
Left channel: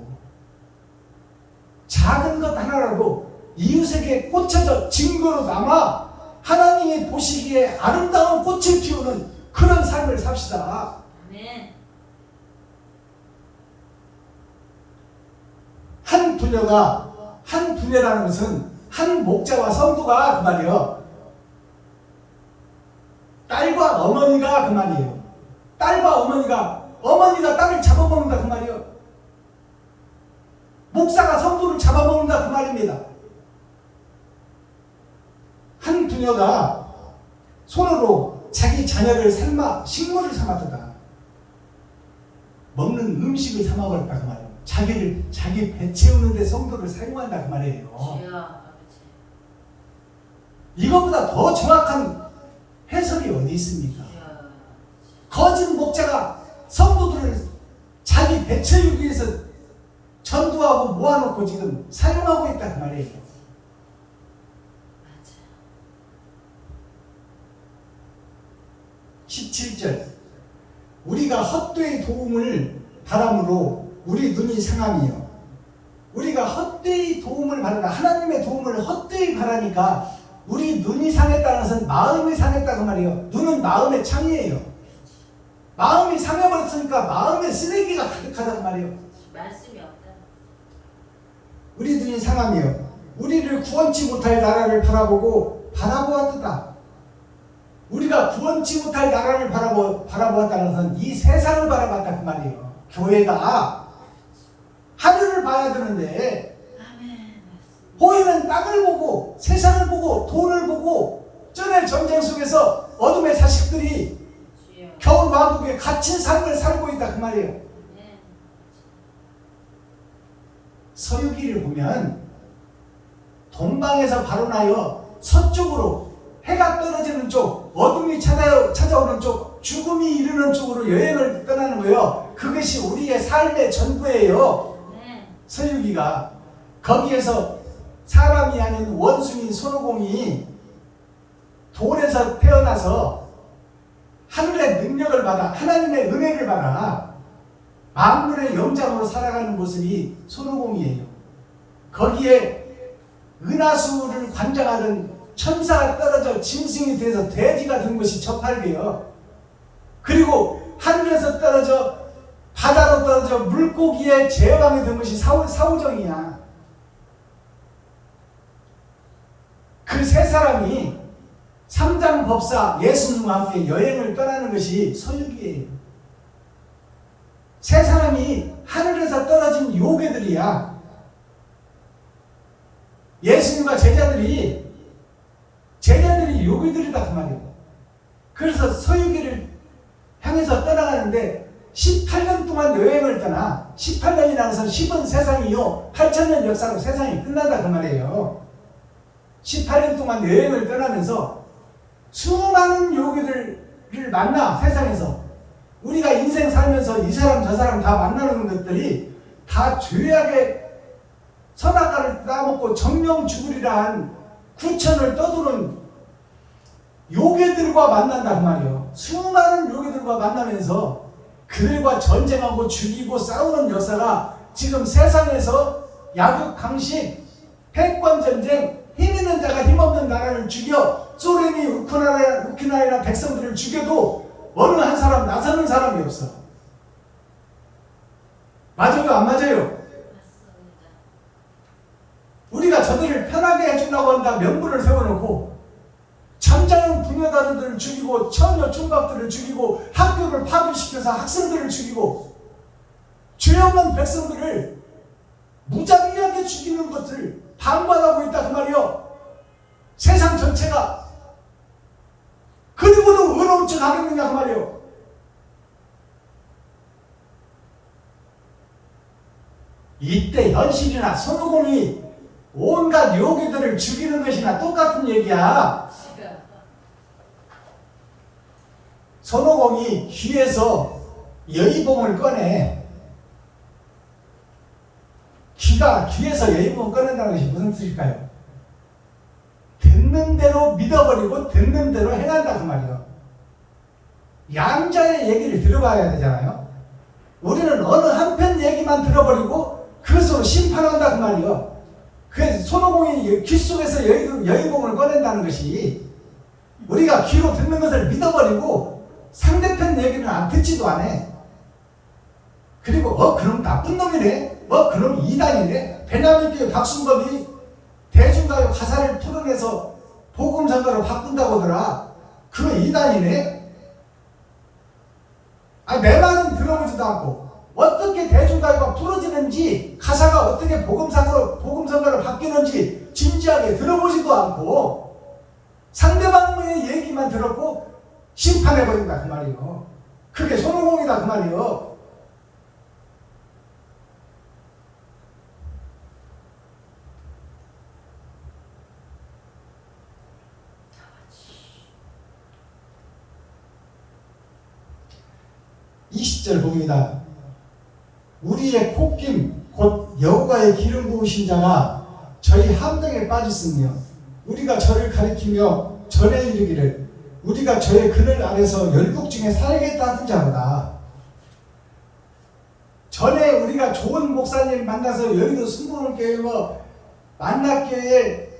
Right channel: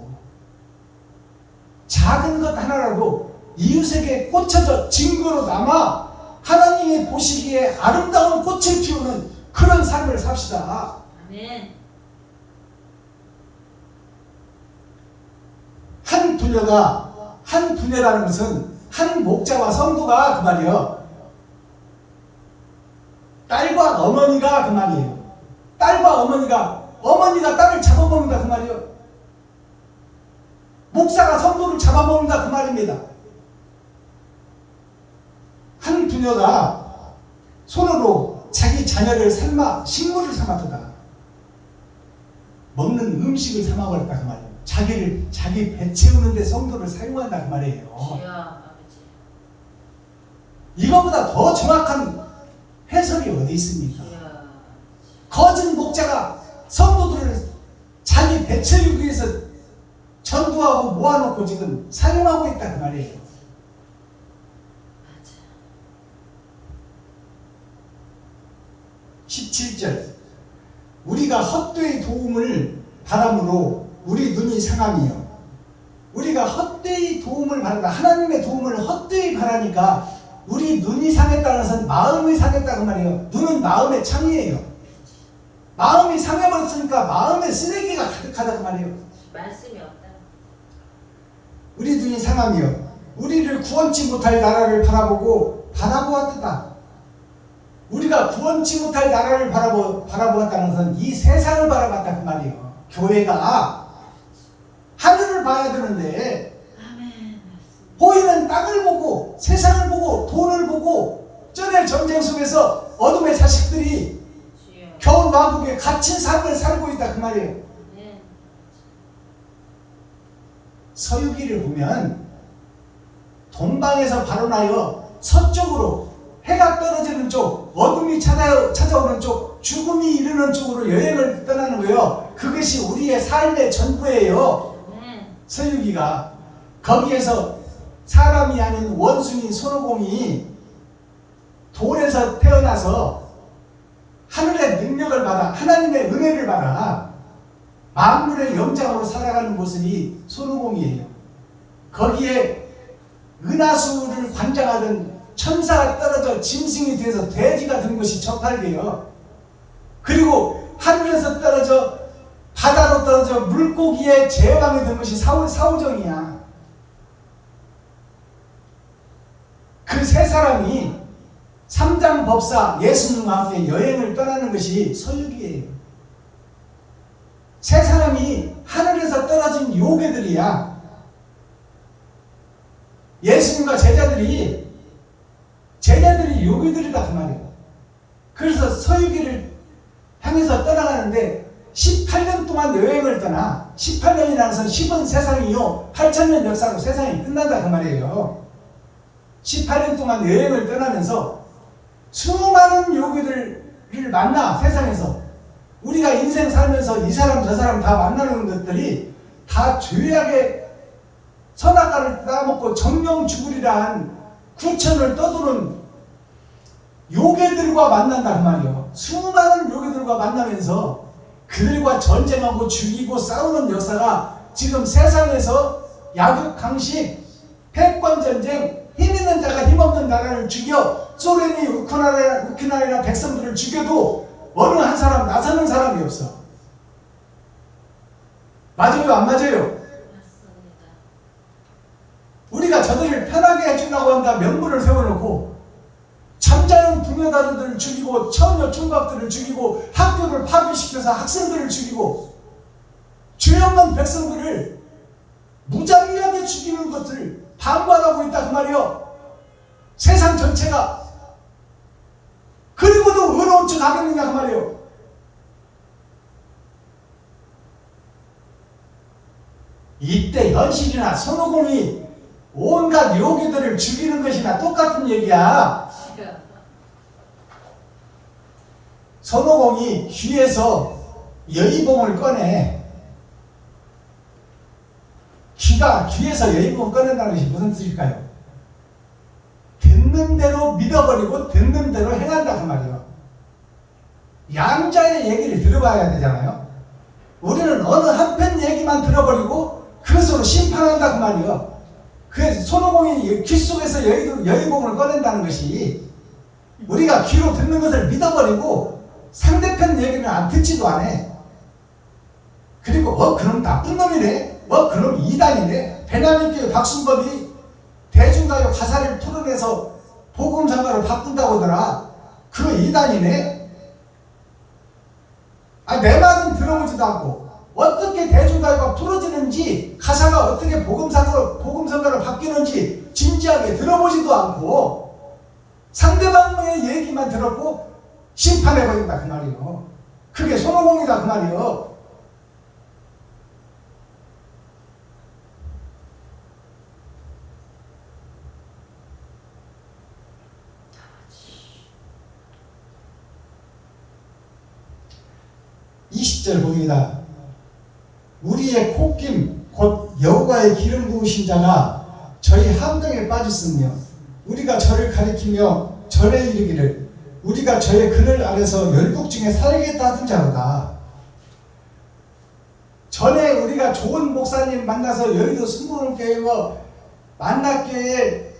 작은 것 하나라도 이웃에게 꽂혀져 증거로 남아 하나님이 보시기에 아름다운 꽃을 피우는 그런 삶을 삽시다. 아멘. 한 부녀라는 것은 한 목자와 성도가 그 말이에요. 딸과 어머니가 그 말이에요. 딸과 어머니가 딸을 잡아먹는다 그 말이에요. 목사가 성도를 잡아먹는다 그 말입니다. 한 부녀가 손으로 자기 자녀를 삶아 식물을 삼았다. 먹는 음식을 삼아버렸다 그 말이에요. 자기 배 채우는데 성도를 사용한다 그 말이에요. 이것보다 더 정확한 해설이 어디 있습니까? 거짓 목자가 성도들을 자기 배 채우기 위해서 전도하고 모아놓고 지금 사용하고 있다 그 말이에요. 17절 우리가 헛되이 도움을 바람으로 우리 눈이 상함이요. 우리가 헛되이 도움을 바라다 하나님의 도움을 헛되이 바라니까 우리 눈이 상했다는 것은 마음이 상했다고 말이에요. 눈은 마음의 창이에요. 마음이 상해버렸으니까 마음에 쓰레기가 가득하다고 말이에요. 말씀이 없다. 우리 눈이 상하며 우리를 구원치 못할 나라를 바라보았다. 우리가 구원치 못할 나라를 바라보았다는 것은 이 세상을 바라봤다 그 말이에요. 교회가 하늘을 봐야 되는데 아멘. 보이는 땅을 보고 세상을 보고 돈을 보고 전에 전쟁 속에서 어둠의 자식들이 주여. 겨울 왕국에 갇힌 삶을 살고 있다 그 말이에요. 아멘. 서유기를 보면 동방에서 발원하여 서쪽으로 해가 떨어지는 쪽, 어둠이 찾아오는 쪽, 죽음이 이르는 쪽으로 여행을 떠나는 거예요. 그것이 우리의 삶의 전부예요. 아멘. 서유기가 거기에서 사람이 아닌 원숭이 손오공이 돌에서 태어나서 하늘의 능력을 받아 하나님의 은혜를 받아 만물의 영장으로 살아가는 모습이 손오공이에요. 거기에 은하수를 관장하던 천사가 떨어져 짐승이 돼서 돼지가 된 것이 저팔계요. 그리고 하늘에서 떨어져 바다로 떨어져 물고기의 제왕이 된 것이 사오정이야. 그 세 사람이 삼장법사 예수님과 함께 여행을 떠나는 것이 서유기예요. 세 사람이 하늘에서 떨어진 요괴들이야. 예수님과 제자들이 요괴들이다 그 말이에요. 그래서 서유기를 향해서 떠나가는데 18년 동안 여행을 떠나 18년이라는 것은 10은 세상이요 8,000년 역사로 세상이 끝난다 그 말이에요. 18년 동안 여행을 떠나면서 수많은 요괴들을 만나 세상에서 우리가 인생 살면서 이 사람 저 사람 다 만나는 것들이 다 죄악의 선악과를 따먹고 정령 죽으리라 한 구천을 떠도는 요괴들과 만난다 그 말이에요. 수많은 요괴들과 만나면서 그들과 전쟁하고 죽이고 싸우는 역사가 지금 세상에서 약육강식, 패권전쟁, 힘있는 자가 힘없는 나라를 죽여 소련이 우크라이나 백성들을 죽여도 어느 한 사람 나서는 사람이 없어. 맞아요 안 맞아요? 맞습니다. 우리가 저들을 편하게 해주려고 한다 명분을 세워놓고 잠자는 부녀다들을 죽이고 처녀 총각들을 죽이고 학교를 파괴시켜서 학생들을 죽이고 죄 없는 백성들을 무자비하게 죽이는 것을 방관하고 있다 그 말이요. 세상 전체가. 그리고도 의로운 척 하겠느냐 그 말이요. 이때 현실이나 손오공이 온갖 요괴들을 죽이는 것이나 똑같은 얘기야. 손오공이 귀에서 여의봉을 꺼내. 귀에서 여의봉을 꺼낸다는 것이 무슨 뜻일까요? 듣는 대로 믿어버리고 듣는 대로 행한다 그 말이에요. 양자의 얘기를 들어봐야 되잖아요. 우리는 어느 한편 얘기만 들어버리고 그것으로 심판한다 그 말이에요. 그래서 손오공이 귀 속에서 여의봉을 꺼낸다는 것이 우리가 귀로 듣는 것을 믿어버리고 상대편 얘기는 안 듣지도 않아. 그리고 그놈 나쁜 놈이네, 그놈 이단이네. 베냐민교회 박순범이 대중가요 가사를 풀어내서 복음성가로 바꾼다고 하더라. 그 이단이네. 내 말은 들어보지도 않고 어떻게 대중가요가 풀어지는지 가사가 어떻게 복음성가로 바뀌는지 진지하게 들어보지도 않고 상대방의 얘기만 들었고 심판해버린다 그 말이에요. 그게 손오공이다 그 말이에요. (20절) 봅니다. 우리의 콧김 곧 여호와의 기름 부으신 자가 저희 함정에 빠졌으며 우리가 저를 가리키며 절에 이르기를 우리가 저의 그늘 아래서 열국 중에 살겠다 하던 자로다. 전에 우리가 좋은 목사님 만나서 여의도 순복음교회 만났교회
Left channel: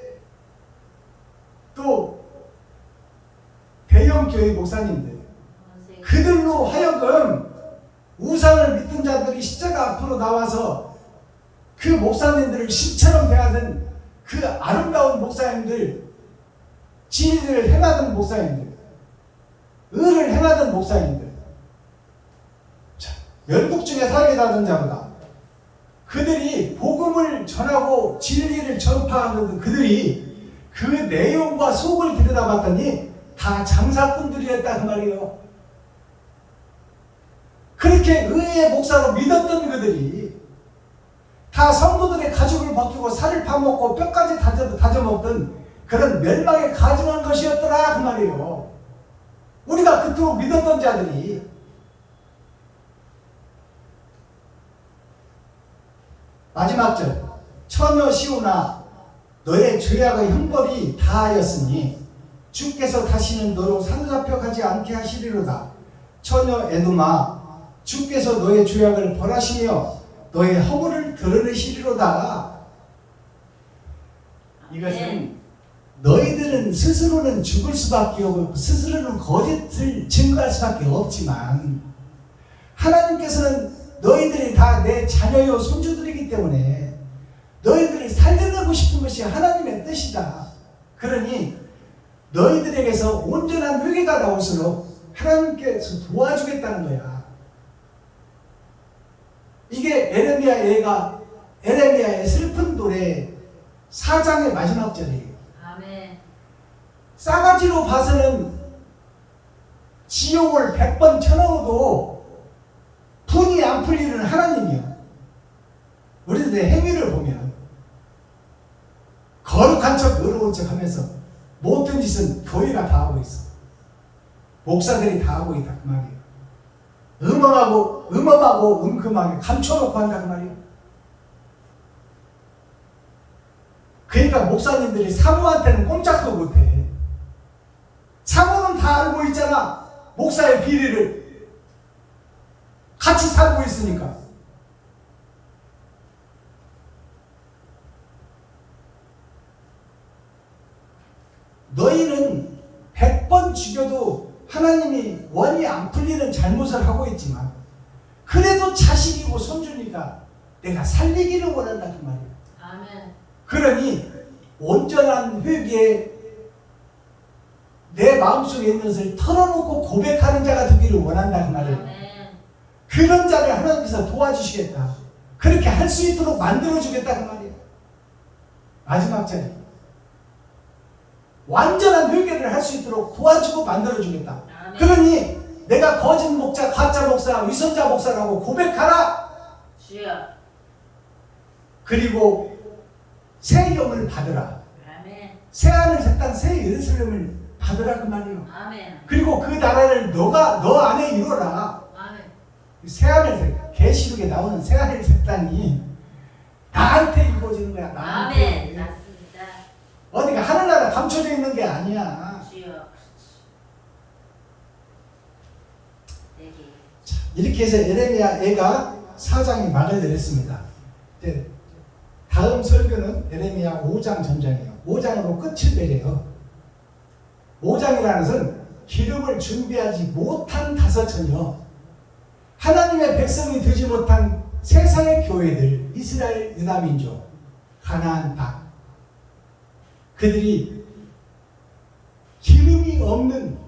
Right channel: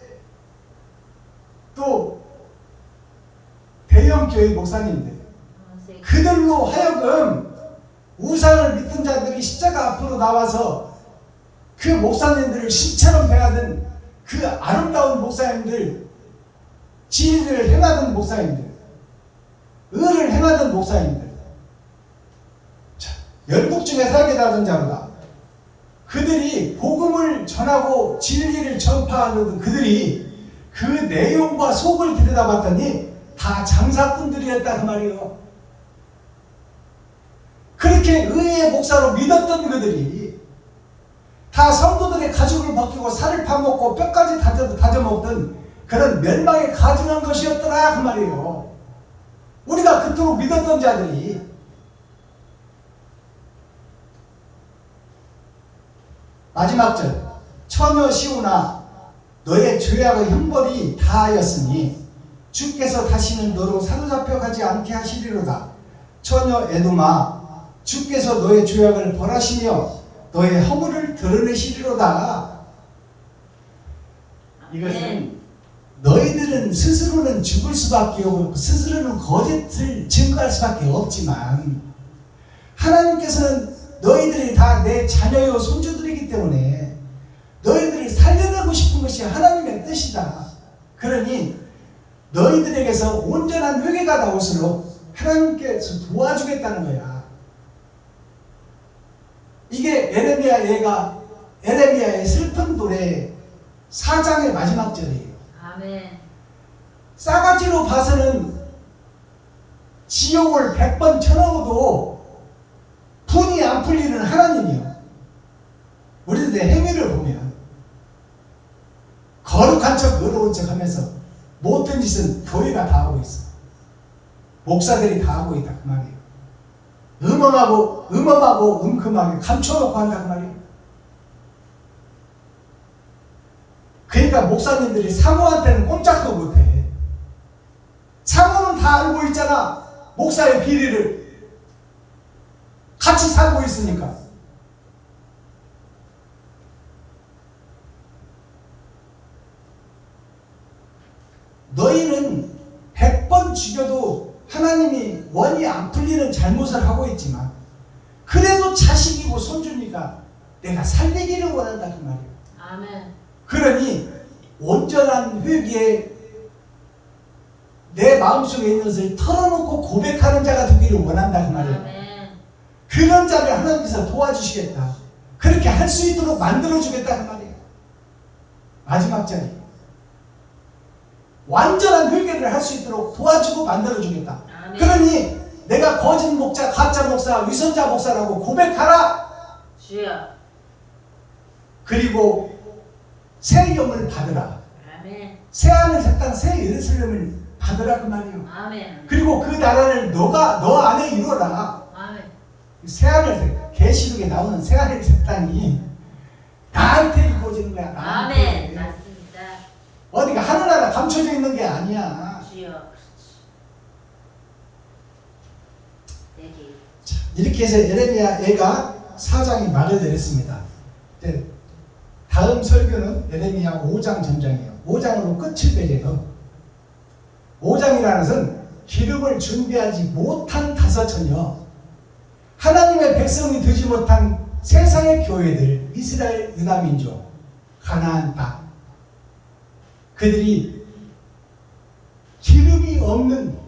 또 대형 교회 목사님들, 그들로 하여금 우상을 믿는 자들이 십자가 앞으로 나와서 그 목사님들을 신처럼 대하던 그 아름다운 목사님들, 진리를 행하던 목사님들, 의를 행하던 목사님들, 열국 중에 살게 하던 자보다 그들이 복음을 전하고 진리를 전파하는 그들이 그 내용과 속을 들여다봤더니 다 장사꾼들이었다 그 말이에요. 그렇게 의의 목사로 믿었던 그들이 다 성도들의 가죽을 벗기고 살을 파먹고 뼈까지 다져먹던 그런 멸망에 가증한 것이었더라 그 말이에요. 우리가 그토록 믿었던 자들이 마지막 절, 처녀 시온아 너의 죄악의 형벌이 다하였으니 주께서 다시는 너로 사로잡혀 가지 않게 하시리로다. 처녀 에돔아 주께서 너의 죄악을 벌하시며 너의 허물을 드러내시리로다. 이것은 너희들은 스스로는 죽을 수밖에 없고 스스로는 거짓을 증거할 수밖에 없지만 하나님께서는 너희들이 다 내 자녀요 손주들이기 때문에 너희들을 살려내고 싶은 것이 하나님의 뜻이다. 그러니 너희들에게서 온전한 회개가 나올수록 하나님께서 도와주겠다는 거야. 이게 에레미야의 슬픈 노래 4장의 마지막 절이에요. 아멘. 싸가지로 봐서는 지옥을 100번 쳐넣어도 분이 안 풀리는 하나님이요. 우리들의 행위를 보면 거룩한 척 의로운 척 하면서 못된 짓은 교회가 다 하고 있어. 목사들이 다 하고 있다 그 말이에요. 음험하고 은큼하게 감춰놓고 한다 그 말이에요. 그러니까 목사님들이 사모한테는 꼼짝도 못해. 사모는 다 알고 있잖아. 목사의 비리를 같이 살고 있으니까. 너희는 100번 죽여도 하나님이 원이 안 풀리는 잘못을 하고 있지만 그래도 자식이고 손주니까 내가 살리기를 원한다 그 말이에요. 아멘. 그러니 온전한 회개에 내 마음속에 있는 것을 털어놓고 고백하는 자가 되기를 원한다 그 말이에요. 아멘. 그런 자를 하나님께서 도와주시겠다. 그렇게 할 수 있도록 만들어주겠다 그 말이에요. 마지막 자리 완전한 회개를 할 수 있도록 도와주고 만들어주겠다. 아멘. 그러니 내가 거짓 목자, 가짜 목사, 위선자 목사라고 고백하라. 주여. 그리고 새 영을 받으라. 아멘. 새 하늘 새 땅 새 예루살렘을 받으라 그 말이에요. 아멘. 그리고 그 나라를 너 안에 이루어라. 아멘. 새 하늘 계시록에 나오는 새 하늘 새 땅이 나한테 이루어지는 거야. 나한테. 아멘. 맞습니다. 어디가 하늘나라 감춰져 있는 게 아니야. 주여. 얘기. 이렇게 해서 에레미야 애가 4장이 막을 내렸습니다. 다음 설교는 에레미야 5장 전장이에요. 5장으로 끝을 맺어요. 5장이라는 것은 기름을 준비하지 못한 다섯 처녀, 하나님의 백성이 되지 못한 세상의 교회들, 이스라엘 유다민족, 가나안 땅, 그들이 기름이 없는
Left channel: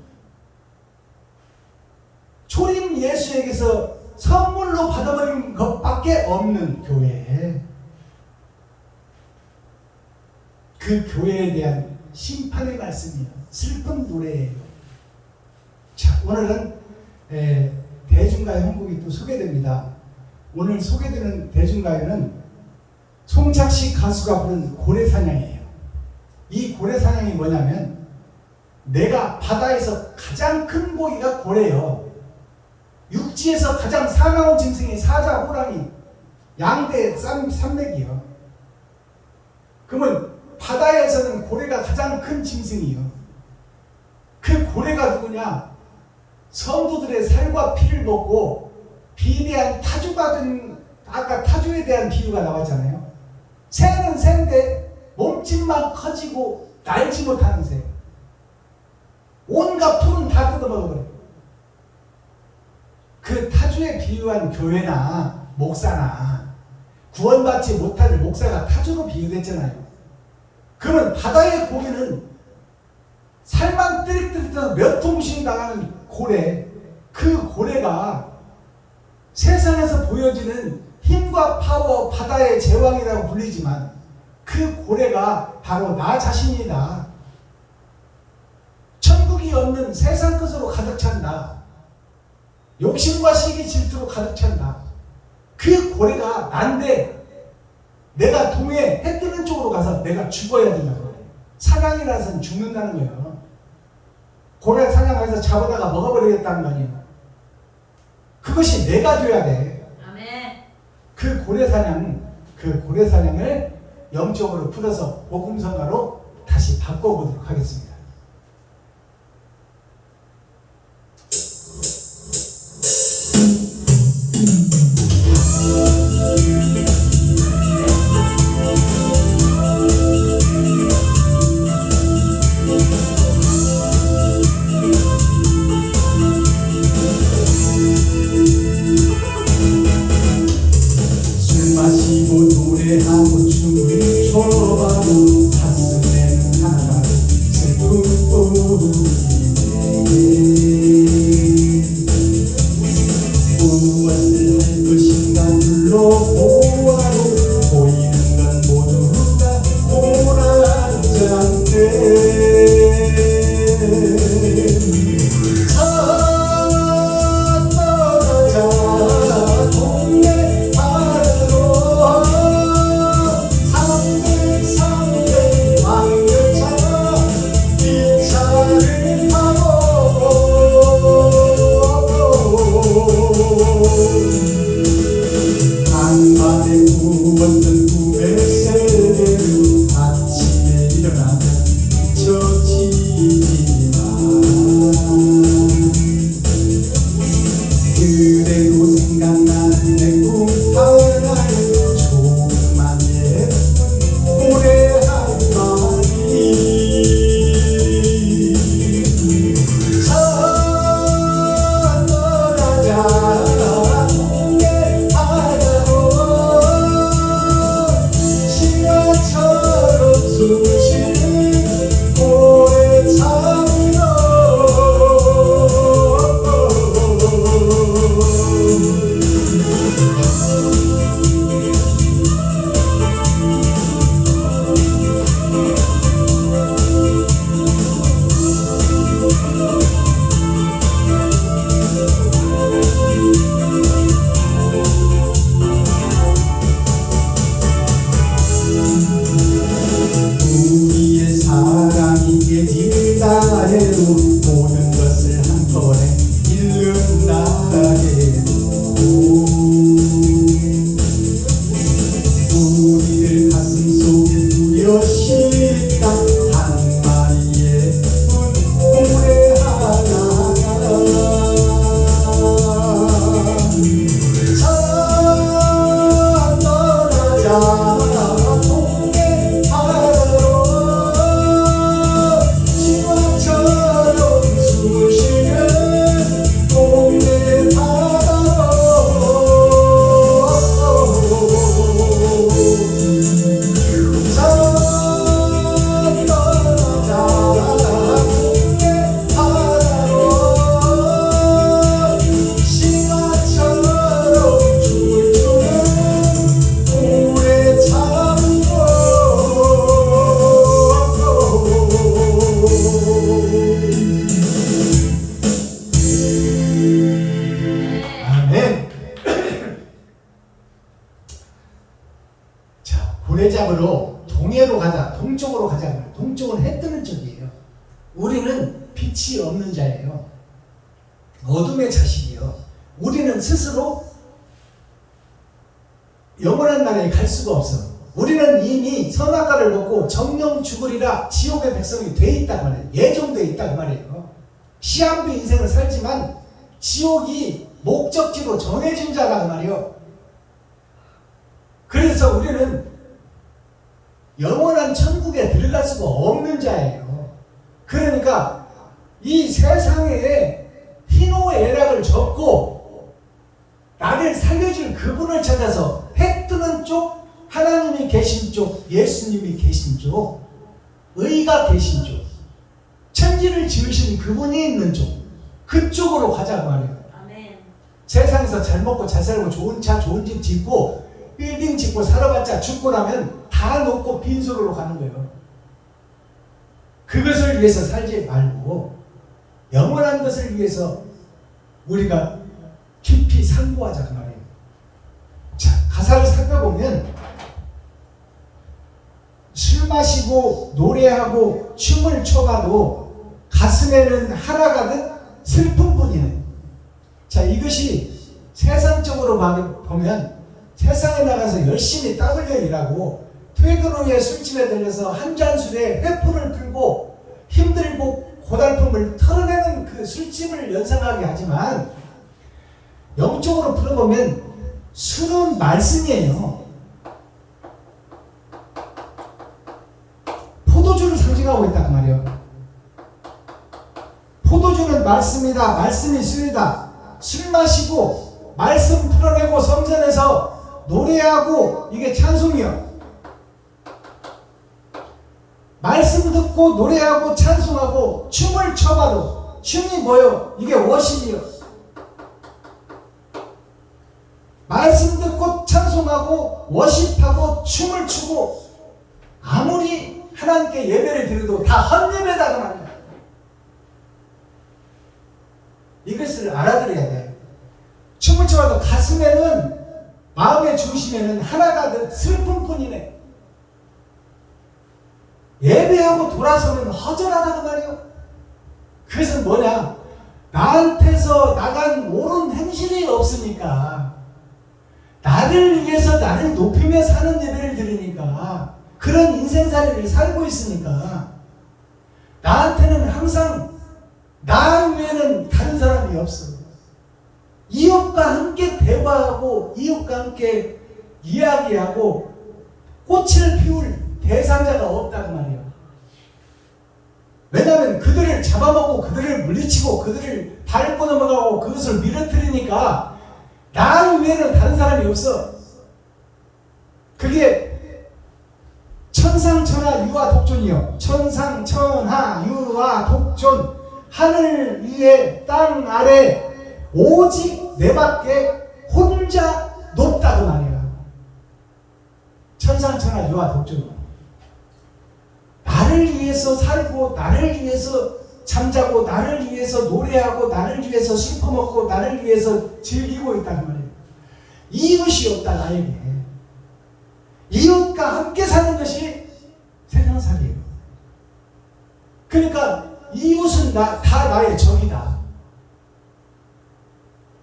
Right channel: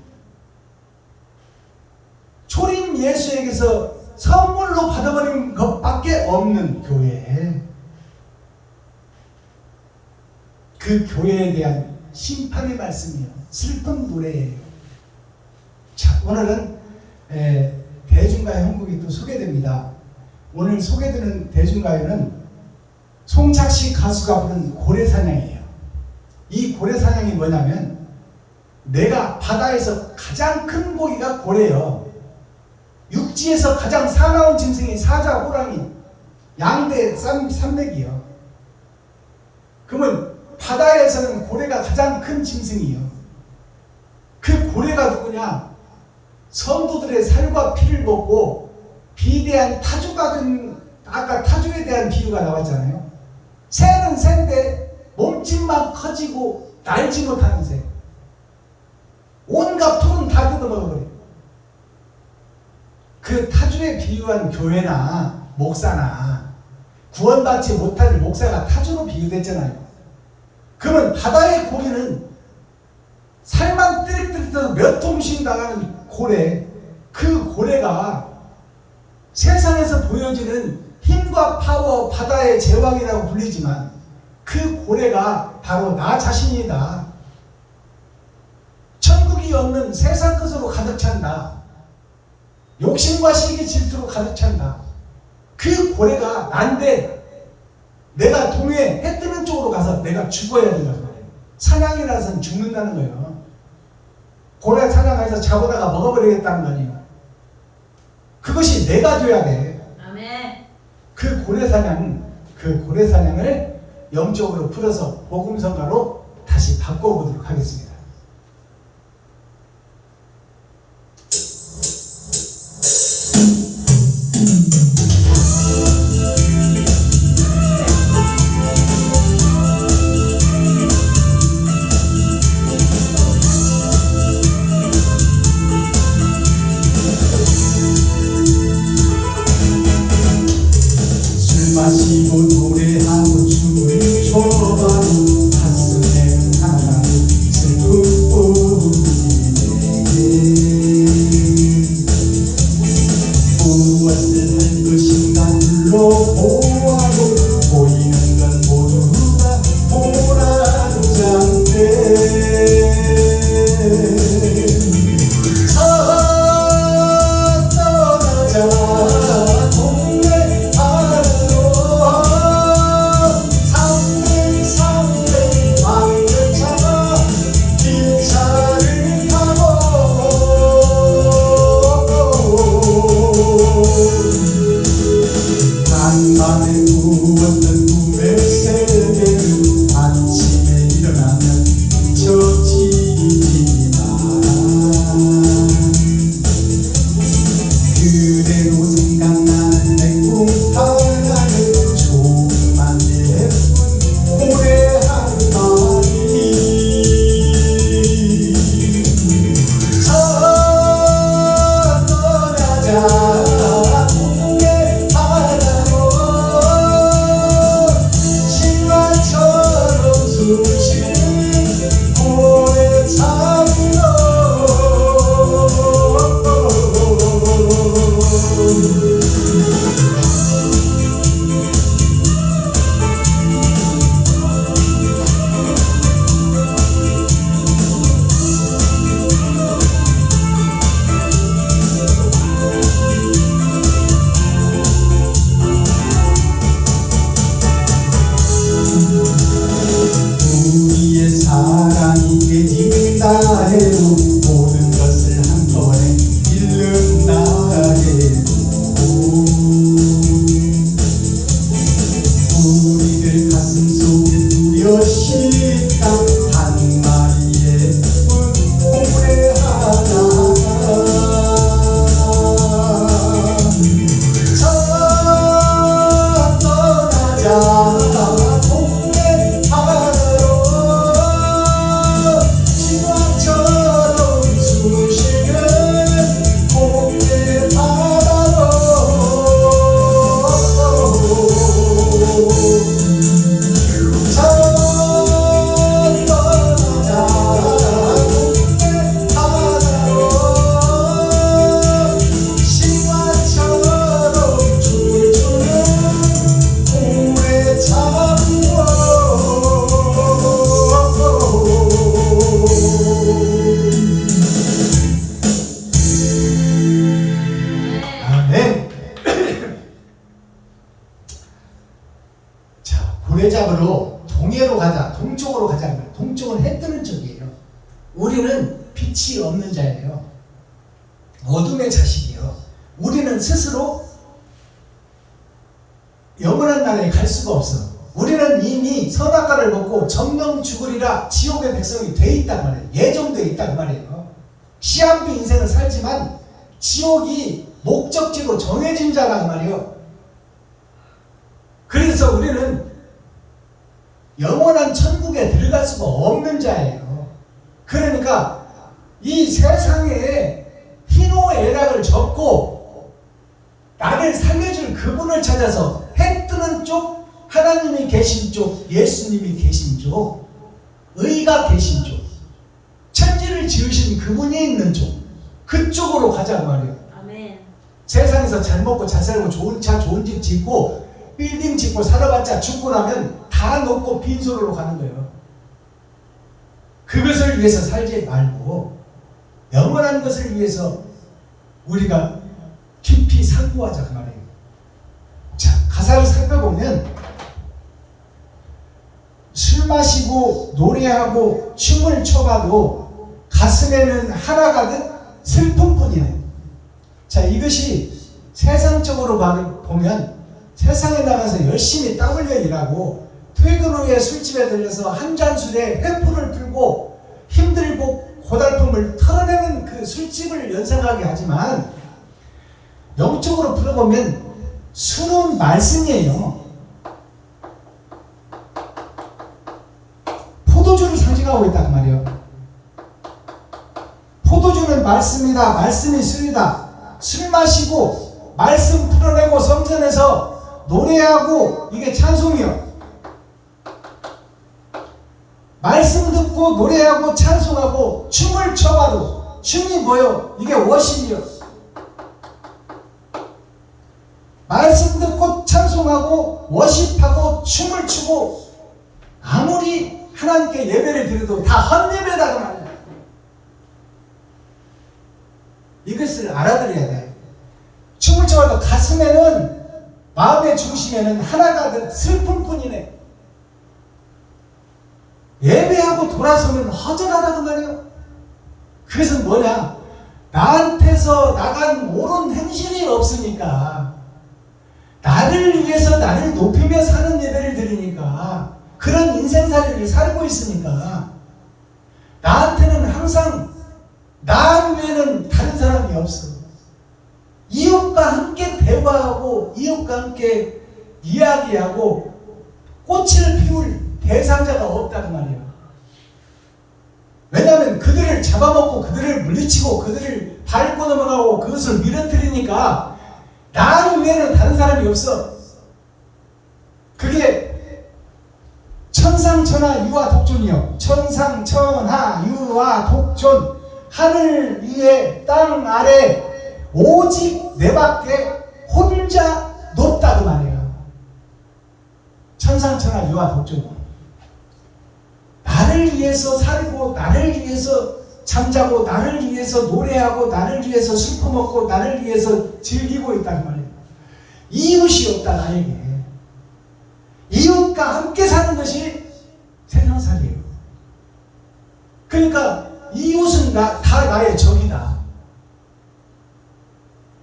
초림 예수에게서 선물로 받아버린 것밖에 없는 교회, 그 교회에 대한 심판의 말씀이에요. 슬픈 노래예요. 자, 오늘은 대중가요 형곡이 또 소개됩니다. 오늘 소개되는 대중가요는 송착식 가수가 부른 고래사냥이에요. 이 고래사냥이 뭐냐면 내가 바다에서 가장 큰 고기가 고래요. 육지에서 가장 사나운 짐승이 사자, 호랑이, 양대, 산맥이요. 그러면 바다에서는 고래가 가장 큰 짐승이요. 그 고래가 누구냐? 성도들의 살과 피를 먹고 비대한 타조가 된, 아까 타조에 대한 비유가 나왔잖아요. 새는 새인데 몸집만 커지고 날지 못하는 새. 온갖 풀은 다 뜯어먹어버려요. 그 타주에 비유한 교회나 목사나 구원받지 못할 목사가 타주로 비유됐잖아요. 그러면 바다의 고기는 살만 띠릭띠릭해서 몇 통씩 나가는 고래, 그 고래가 세상에서 보여지는 힘과 파워, 바다의 제왕이라고 불리지만 그 고래가 바로 나 자신이다. 천국이 없는 세상 것으로 가득 찬다. 욕심과 시기 질투로 가득 찬다. 그 고래가 난데 내가 동해 해 뜨는 쪽으로 가서 내가 죽어야 된다고 말해요. 사냥이라서는 죽는다는 거예요. 고래 사냥해서 잡아다가 먹어버리겠다는 거 아니에요. 그것이 내가 돼야 돼. 아멘. 그 고래 사냥을 영적으로 풀어서 복음성가로 다시 바꿔보도록 하겠습니다. 술 마시고 노래하고 춤을 춰봐도 가슴에 하나가 슬픈 뿐이네. 무엇을 할 것인가 둘러보아도 보이는 건 모두가 고란장대. 떠나자 동네 바다로 삼백삼백 왕들차 기차를 타고 간밤에 구웠던 꿈의 세계를 아침에 일어나면 잊혀지지만 그래도 생각나는 내 꿈 하나는 조금만 예쁜 고래 한 마리. 떠나자 동네 바다로 신화처럼 숨쉬는 고래 잡으러. 우리의 사랑이 깨진다 해도 모든 것을 한번에 잃는다 해도 우리들 가슴 속에 두려시 딱 하나의 예쁜 고래 하나. 떠나자 동네 바다로 신화처럼 숨쉬는 동네 바다로. 떠나자 동네 바다로 신화처럼 춤을 추는 고래 잡으러. 아멘. 자, 고래 잡으러 동해로 가자, 동쪽으로 가자. 동쪽은 해 뜨는 쪽이에요. 우리는 빛이 없는 자예요. 어둠의 자식이에요. 우리는 스스로 영원한 나라에 갈 수가 없어. 우리는 이미 선악과를 먹고 정령 죽으리라 지옥의 백성이 돼 있단 말이에요. 예정돼 있단 말이에요. 시한부 인생을 살지만 지옥이 목적지로 정해진 자란 말이에요. 그래서 우리는 영원한 천국에 들어갈 수가 없는 자예요. 그러니까 이 세상에 희노애락을 접고 나를 살려줄 그분을 찾아서 해 뜨는 쪽, 하나님이 계신 쪽, 예수님이 계신 쪽, 의가 계신 쪽, 천지를 지으신 그분이 있는 쪽, 그쪽으로 가자고 말이에요. 아멘. 세상에서 잘 먹고 잘 살고 좋은 차 좋은 집 짓고 빌딩 짓고 살아봤자 죽고 나면 다 놓고 빈소로로 가는 거예요. 그것을 위해서 살지 말고 영원한 것을 위해서 우리가 깊이 상고하자 그 말이에요. 자, 가사를 살펴보면 술 마시고 노래하고 춤을 춰봐도 가슴에는 하나 가득 슬픔뿐이네. 자, 이것이 세상적으로 보면 세상에 나가서 열심히 땀 흘려 일하고 퇴근 후에 술집에 들려서 한 잔 술에 회포를 풀고 힘들고 고달픔을 털어내는 그 술집을 연상하게 하지만 영적으로 풀어보면 술은 말씀이에요. 포도주를 상징하고 있단 말이에요. 포도주는 말씀이다. 말씀이 술이다. 술 마시고 말씀 풀어내고 성전에서 노래하고 이게 찬송이요. 말씀 듣고 노래하고 찬송하고 춤을 춰봐도 춤이 뭐예요? 이게 워십이요. 말씀 듣고 찬송하고 워십하고 춤을 추고 아무리 하나님께 예배를 드려도 다 헛예배다 그 말이에요. 이것을 알아들어야 돼요. 춤을 춰도 가슴에는 마음의 중심에는 하나 가득 슬픔뿐이네. 예배하고 돌아서면 허전하다 그 말이에요. 그것은 뭐냐? 나한테서 나간 옳은 행실이 없으니까, 나를 위해서 나를 높이며 사는 예배를 드리니까, 그런 인생살이를 살고 있으니까 나한테는 항상 나 외에는 다른 사람이 없어. 이웃과 함께 대화하고 이웃과 함께 이야기하고 꽃을 피울 대상자가 없단 말이에요. 왜냐하면 그들을 잡아먹고 그들을 물리치고 그들을 밟고 넘어가고 그것을 밀어뜨리니까 나 외에는 다른 사람이 없어. 그게 천상천하 유아 독존이요. 천상천하 유아 독존. 하늘 위에 땅 아래 오직 내 밖에 혼자 높다 그 말이에요. 천상천하 유아 독존. 나를 위해서 살고 나를 위해서 잠자고 나를 위해서 노래하고 나를 위해서 술 퍼먹고 나를 위해서 즐기고 있단 말이에요. 이웃이 없다 나에게. 이웃과 함께 사는 것이 세상살이에요. 그러니까 이웃은 다 나의 적이다.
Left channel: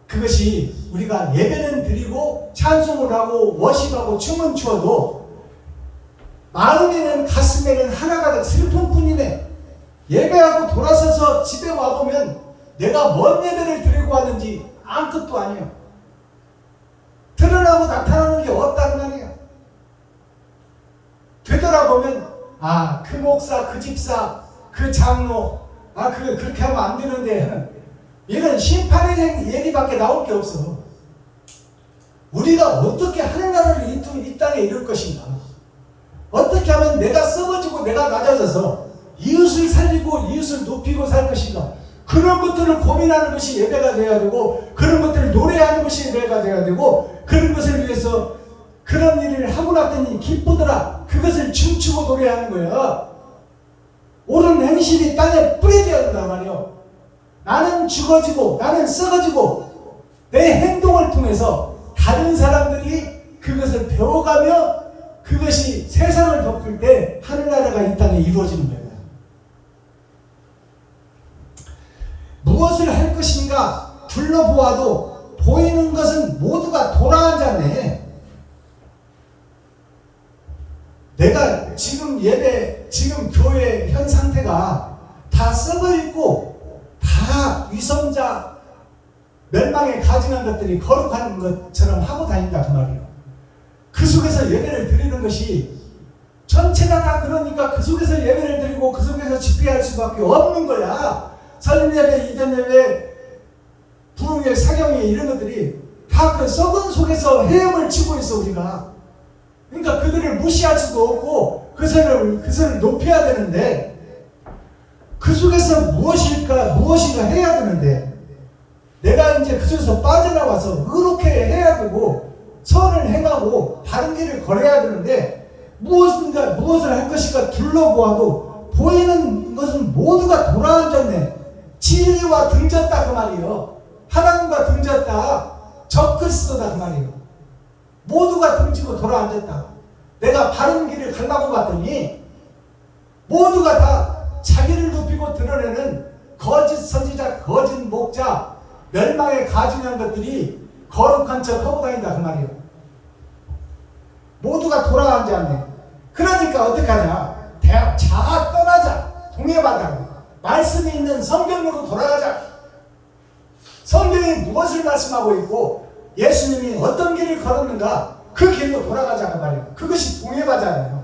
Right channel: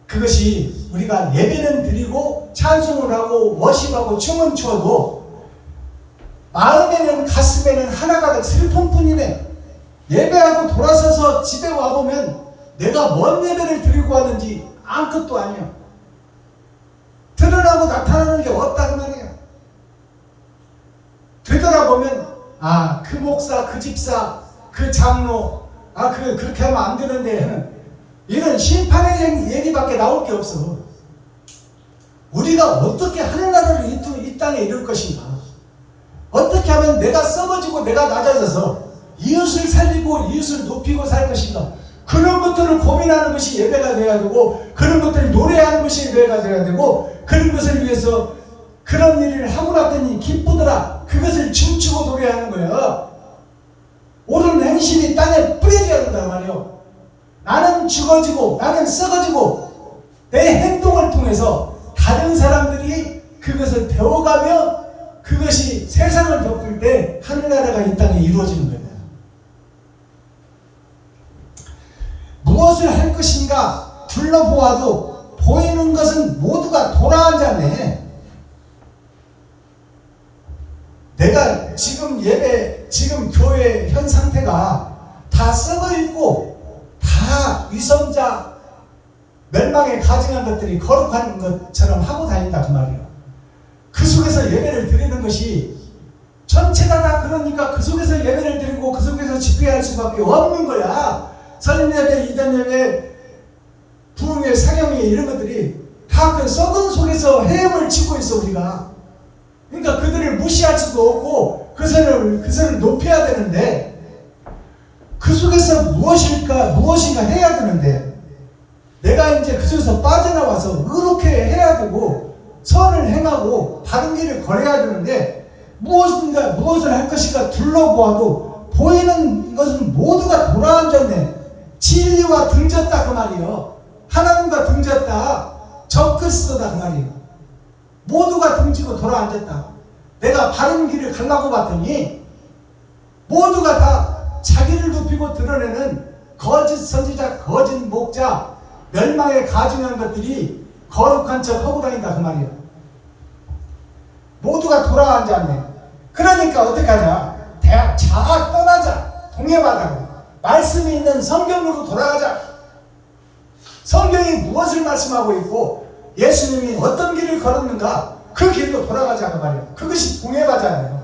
그것이 우리가 예배는 드리고 찬송을 하고 워십하고 춤은 추어도 마음에는 가슴에는 하나 가득 슬픔뿐이네. 예배하고 돌아서서 집에 와보면 내가 뭔 예배를 드리고 하는지 아무것도 아니에요. 드러나고 나타나는 게 없다는 말이에요. 되돌아보면 그 목사, 그 집사, 그 장로, 그렇게 하면 안 되는데 하는 이런 심판의 얘기밖에 나올 게 없어. 우리가 어떻게 하늘나라를 이 땅에 이룰 것인가? 어떻게 하면 내가 썩어지고 내가 낮아져서 이웃을 살리고 이웃을 높이고 살 것인가? 그런 것들을 고민하는 것이 예배가 되어야 되고, 그런 것들을 노래하는 것이 예배가 되어야 되고, 그런 것을 위해서 그런 일을 하고 났더니 기쁘더라. 그것을 춤추고 노래하는 거예요. 옳은 행실이 땅에 뿌려져야 된단 말이에요. 나는 죽어지고 나는 썩어지고 내 행동을 통해서 다른 사람들이 그것을 배워가며 그것이 세상을 덮을 때 하늘나라가 이 땅에 이루어지는 거예요. 무엇을 할 것인가 둘러보아도 보이는 것은 모두가 돌아앉았네. 내가 지금 지금 교회 현 상태가 다 썩어 있고 다 위선자 멸망에 가증한 것들이 거룩한 것처럼 하고 다닌다 그 말이에요. 그 속에서 예배를 드리는 것이 전체가 다 그러니까 그 속에서 예배를 드리고 그 속에서 집회할 수밖에 없는 거야. 설임예배, 이단예배, 부흥회, 사경회 이런 것들이 다 그 썩은 속에서 헤엄을 치고 있어 우리가. 그러니까 그들을 무시할 수도 없고 그것을 높여야 되는데 그 속에서 무엇인가 해야 되는데 내가 이제 그 속에서 빠져나와서 그렇게 해야 되고 선을 행하고 바른 길을 걸어야 되는데 무엇을 할 것인가 둘러보아도 보이는 것은 모두가 돌아앉았네. 진리와 등졌다 그 말이요. 하나님과 등졌다. 적그리스도다 그 말이에요. 모두가 등지고 돌아앉았다. 내가 바른 길을 가려고 봤더니 모두가 다 자기를 높이고 드러내는 거짓 선지자, 거짓 목자, 멸망에 가증한 것들이 거룩한 척 하고 다닌다 그 말이에요. 모두가 돌아앉았네. 그러니까 어떡하냐. 자 떠나자. 동해바다로 말씀이 있는 성경으로 돌아가자. 성경이 무엇을 말씀하고 있고 예수님이 어떤 길을 걸었는가 그 길로 돌아가자 그 말이에요. 그것이 동해바잖아요.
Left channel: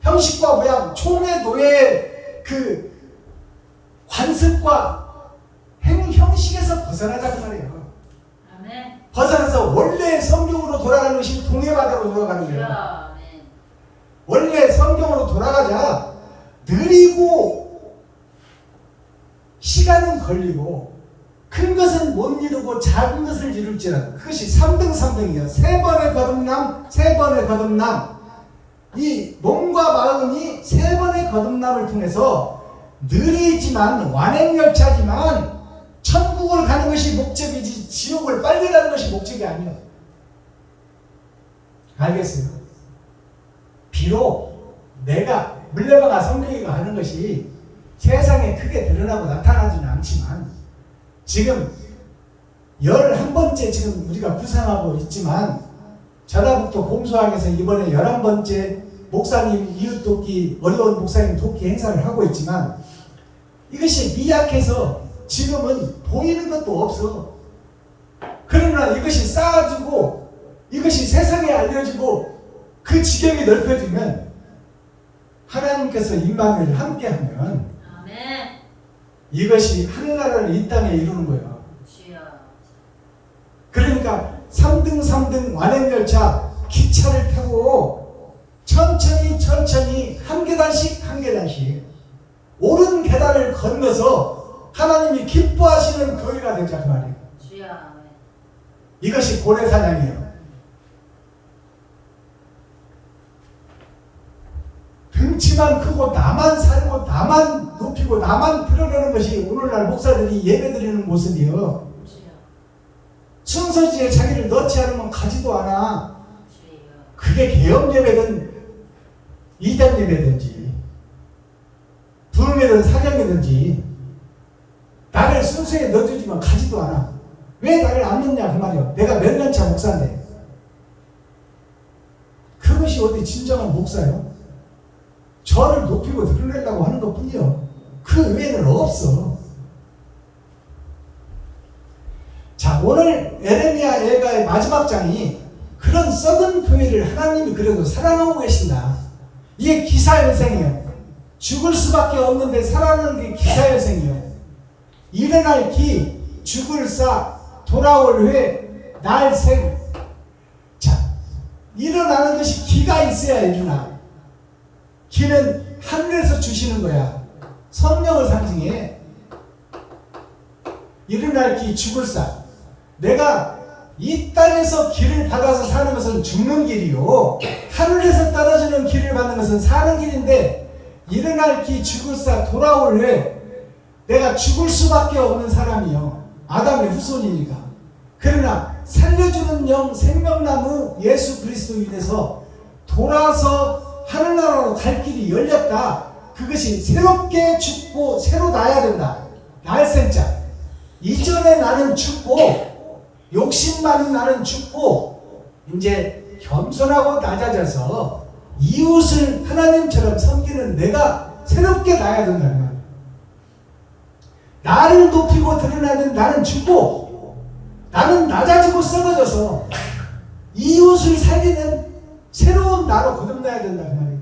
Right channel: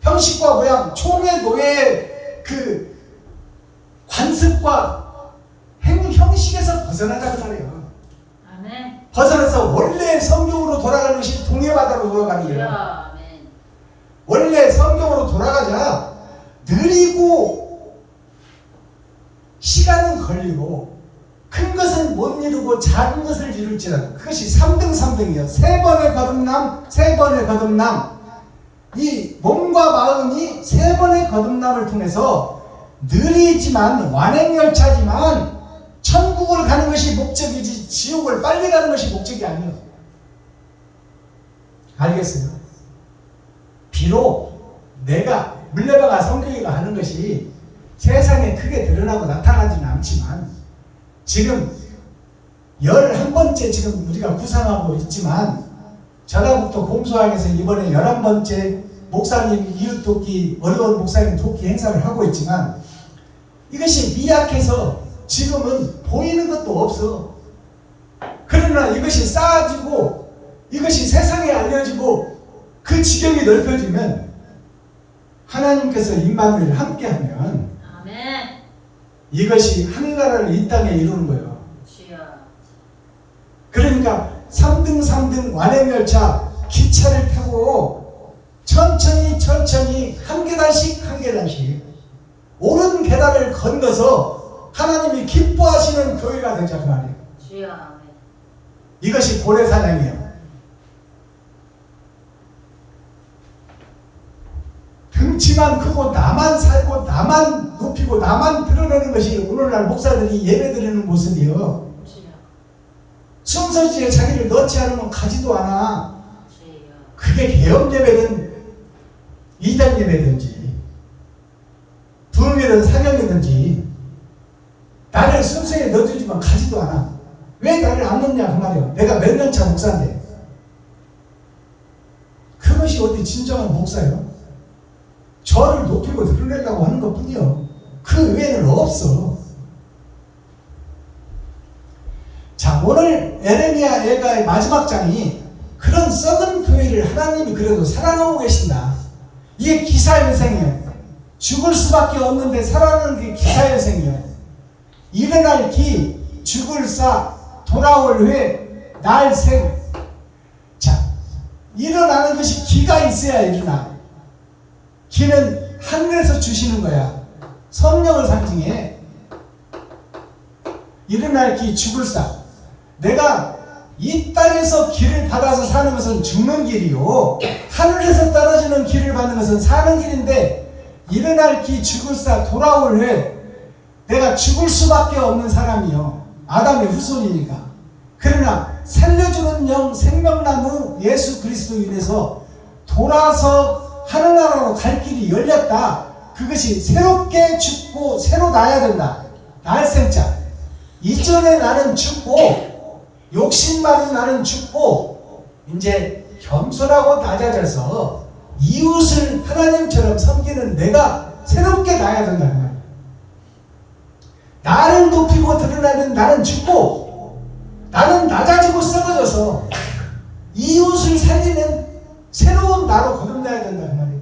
형식과 모양, 총의 노예의 그 관습과 형식에서 벗어나자 그 말이에요. 아멘. 벗어나서 원래 성경으로 돌아가는 것이 동해바다로 돌아가는 거예요. 아멘. 원래 성경으로 돌아가자. 느리고 시간은 걸리고 큰 것은 못 이루고 작은 것을 이룰지라도 그것이 3등이에요. 세 번의 거듭남. 이 몸과 마음이 세 번의 거듭남을 통해서 느리지만 완행열차지만 천국을 가는 것이 목적이지 지옥을 빨리 가는 것이 목적이 아니에요. 알겠어요? 비록 내가 물레방아 성경이가 하는 것이 세상에 크게 드러나고 나타나지는 않지만 지금 11번째 지금 우리가 구상하고 있지만 전라북도 공소항에서 이번에 11번째 목사님 이웃돕기 어려운 목사님 돕기 행사를 하고 있지만 이것이 미약해서 지금은 보이는 것도 없어. 그러나 이것이 쌓아지고 이것이 세상에 알려지고 그 지경이 넓혀지면 하나님께서 임마누엘 함께하면 아멘. 이것이 하늘나라를 이 땅에 이루는 거예요. 주여. 그러니까 3등 완행열차 기차를 타고 천천히 한 계단씩 옳은 계단을 건너서 하나님이 기뻐하시는 교회가 되자 그 말이에요. 주여. 아멘. 이것이 고래사냥이에요. 등치만 크고 나만 살고 나만 높이고 나만 드러내는 것이 오늘날 목사들이 예배드리는 모습이에요. 주여. 순서지에 자기를 넣지 않으면 가지도 않아. 주여. 그게 개혁 예배든 이단 예배든지 부흥이든 사경이든지 나를 순서에 넣어주지만 가지도 않아. 왜 나를 안 넣냐 그 말이에요. 내가 몇 년차 목사인데. 그것이 어디 진정한 목사요? 저를 높이고 드러내려고 하는 것 뿐이요. 그 외에는 없어. 자, 오늘 에레미야 예가의 마지막 장이 그런 썩은 교회를 하나님이 그래도 살아나고 계신다. 이게 기사회생이에요. 죽을 수밖에 없는데 살아나는 게 기사회생이에요. 일어날 기, 죽을 사, 돌아올 회, 날생. 자, 일어나는 것이 기가 있어야 일어나. 기는 하늘에서 주시는 거야. 성령을 상징해. 일어날 기, 죽을 사. 내가 이 땅에서 길을 받아서 사는 것은 죽는 길이요. 하늘에서 떨어지는 길을 받는 것은 사는 길인데 일어날 기, 죽을 사, 돌아올 회. 내가 죽을 수밖에 없는 사람이요. 아담의 후손이니까. 그러나 살려주는 영, 생명나무 예수 그리스도 인해서 돌아서 하늘나라로 갈 길이 열렸다. 그것이 새롭게 죽고 새로 나야 된다. 날생자. 이전에 나는 죽고 욕심 많은 나는 죽고 이제 겸손하고 낮아져서 이웃을 하나님처럼 섬기는 내가 새롭게 나야 된다는 거예요. 나를 높이고 드러나는 나는 죽고 나는 낮아지고 썩어져서 이웃을 살리는 새로운 나로 거듭나야 된다 그 말이에요.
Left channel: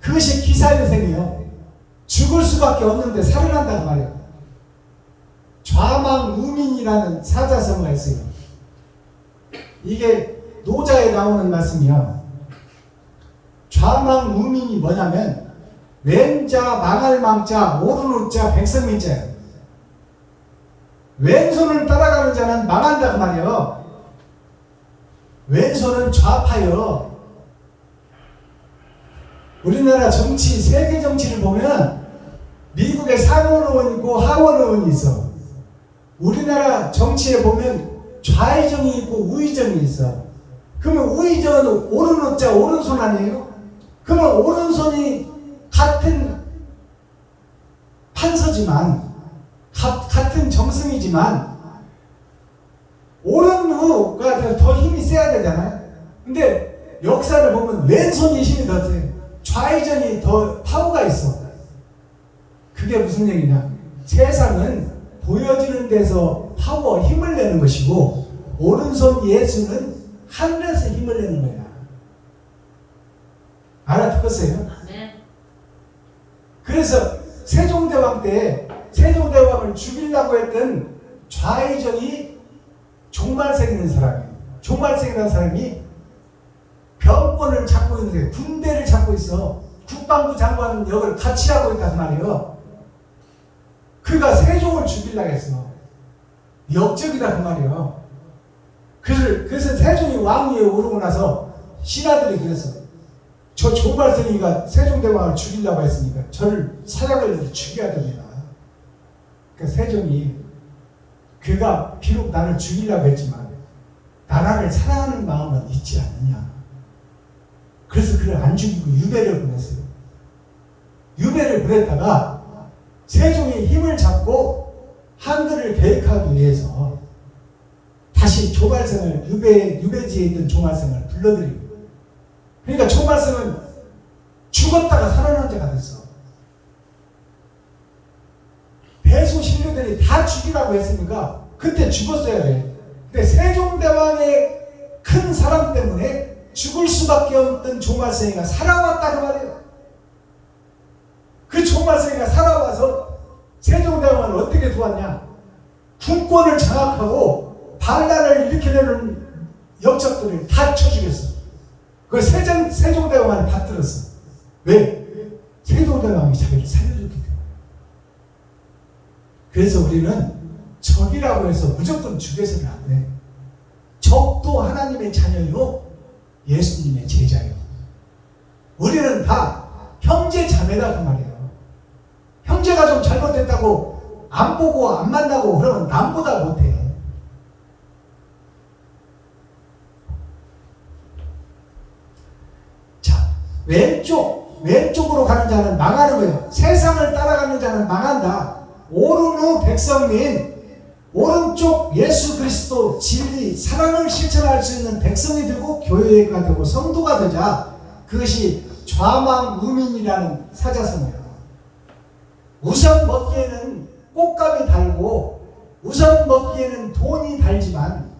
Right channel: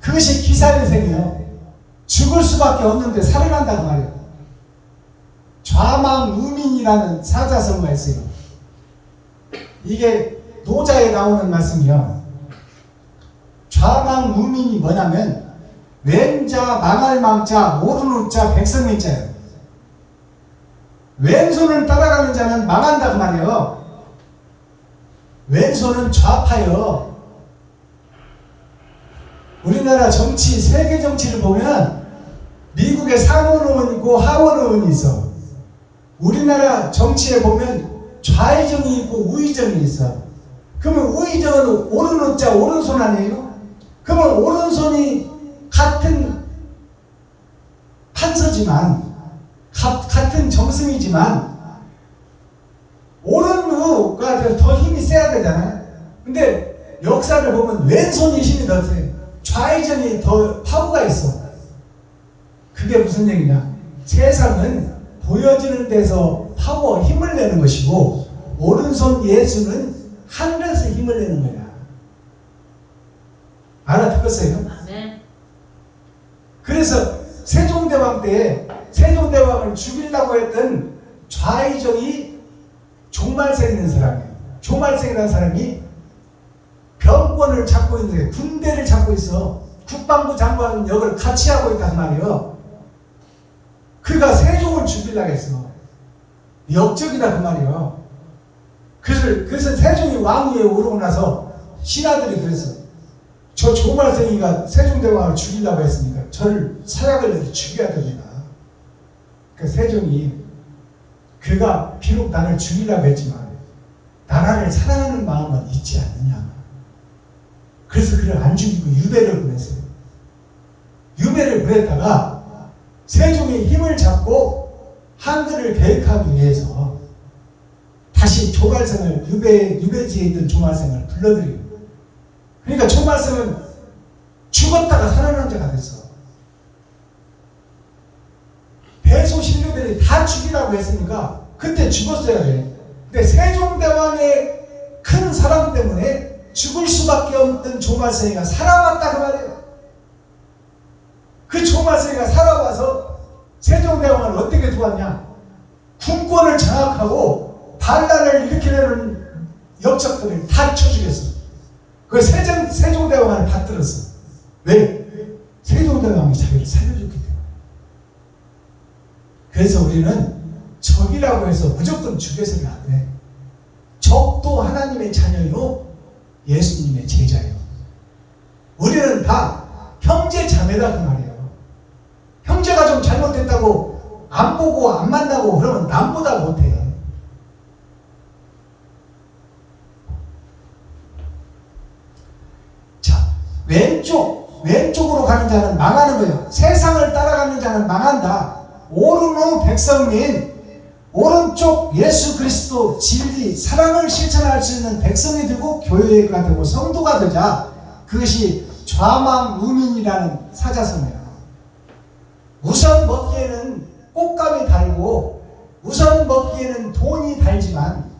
그것이 기사회생이에요. 죽을 수밖에 없는데 살아난다고 말이에요. 좌망우민이라는 사자성어가 있어요. 이게 노자에 나오는 말씀이요. 좌망우민이 뭐냐면 왼자 망할 망자 오른 우자 백성민자예요. 왼손을 따라가는 자는 망한다 그 말이에요. 왼손은 좌파요. 우리나라 정치, 세계 정치를 보면 미국에 상원의원 있고 하원의원이 있어. 우리나라 정치에 보면 좌의정이 있고 우의정이 있어. 그러면 우의정은 오른 우자 오른손 아니에요? 그러면 오른손이 같은 판서지만 같은 정승이지만 오른우가 더 힘이 세야 되잖아요. 근데 역사를 보면 왼손이 힘이 더 세. 좌의정이 더 파워가 있어. 그게 무슨 얘기냐? 세상은 보여지는 데서 파워, 힘을 내는 것이고 오른손 예수는 하늘에서 힘을 내는 거야. 알아듣겠어요? 아멘. 그래서 세종대왕 때 세종대왕을 죽이려고 했던 좌의정이 종말생이라는 사람이에요. 종말생이라는 사람이 병권을 잡고 있는데 군대를 잡고 있어. 국방부 장관 역을 같이 하고 있단 말이에요. 그가 세종을 죽이려고 했어. 역적이다 그 말이에요. 그래서 세종이 왕위에 오르고 나서 신하들이 그랬어. 저 종말생이가 세종대왕을 죽이려고 했으니까 저를 사약을 내서 죽여야 됩니다. 그러니까 세종이 그가 비록 나를 죽이려고 했지만 나라를 사랑하는 마음은 있지 않느냐. 그래서 그를 안 죽이고 유배를 보냈어요. 유배를 보냈다가 세종이 힘을 잡고 한글을 계획하기 위해서 다시 조말생을 유배지에 있던 조말생을 불러들이고, 그러니까 조말생은 죽었다가 살아난 자가 됐어. 대소신료들이 다 죽이라고 했으니까 그때 죽었어야 돼. 근데 세종대왕의 큰 사랑 때문에 죽을 수밖에 없던 조말생이가 살아왔다 그 말이에요. 그 조말생이가 살아와서 세종대왕을 어떻게 도왔냐? 군권을 장악하고 반란을 일으키려는 역적들을 다 쳐죽였어. 그 세종대왕을 받들었어. 왜? 세종대왕이 자기를 살려줬기 때문에. 그래서 우리는 적이라고 해서 무조건 죽여서는 안 돼. 적도 하나님의 자녀요, 예수님의 제자예요. 우리는 다 형제 자매다 그 말이에요. 형제가 좀 잘못됐다고 안 보고 안 만나고 그러면 남보다 못해. 자, 왼쪽으로 가는 자는 망하는 거예요. 세상을 따라가는 자는 망한다. 오른우 백성민, 오른쪽 예수 그리스도 진리 사랑을 실천할 수 있는 백성이 되고 교회가 되고 성도가 되자. 그것이 좌망우민이라는 사자성어예요. 우선 먹기에는 꽃감이 달고 우선 먹기에는 돈이 달지만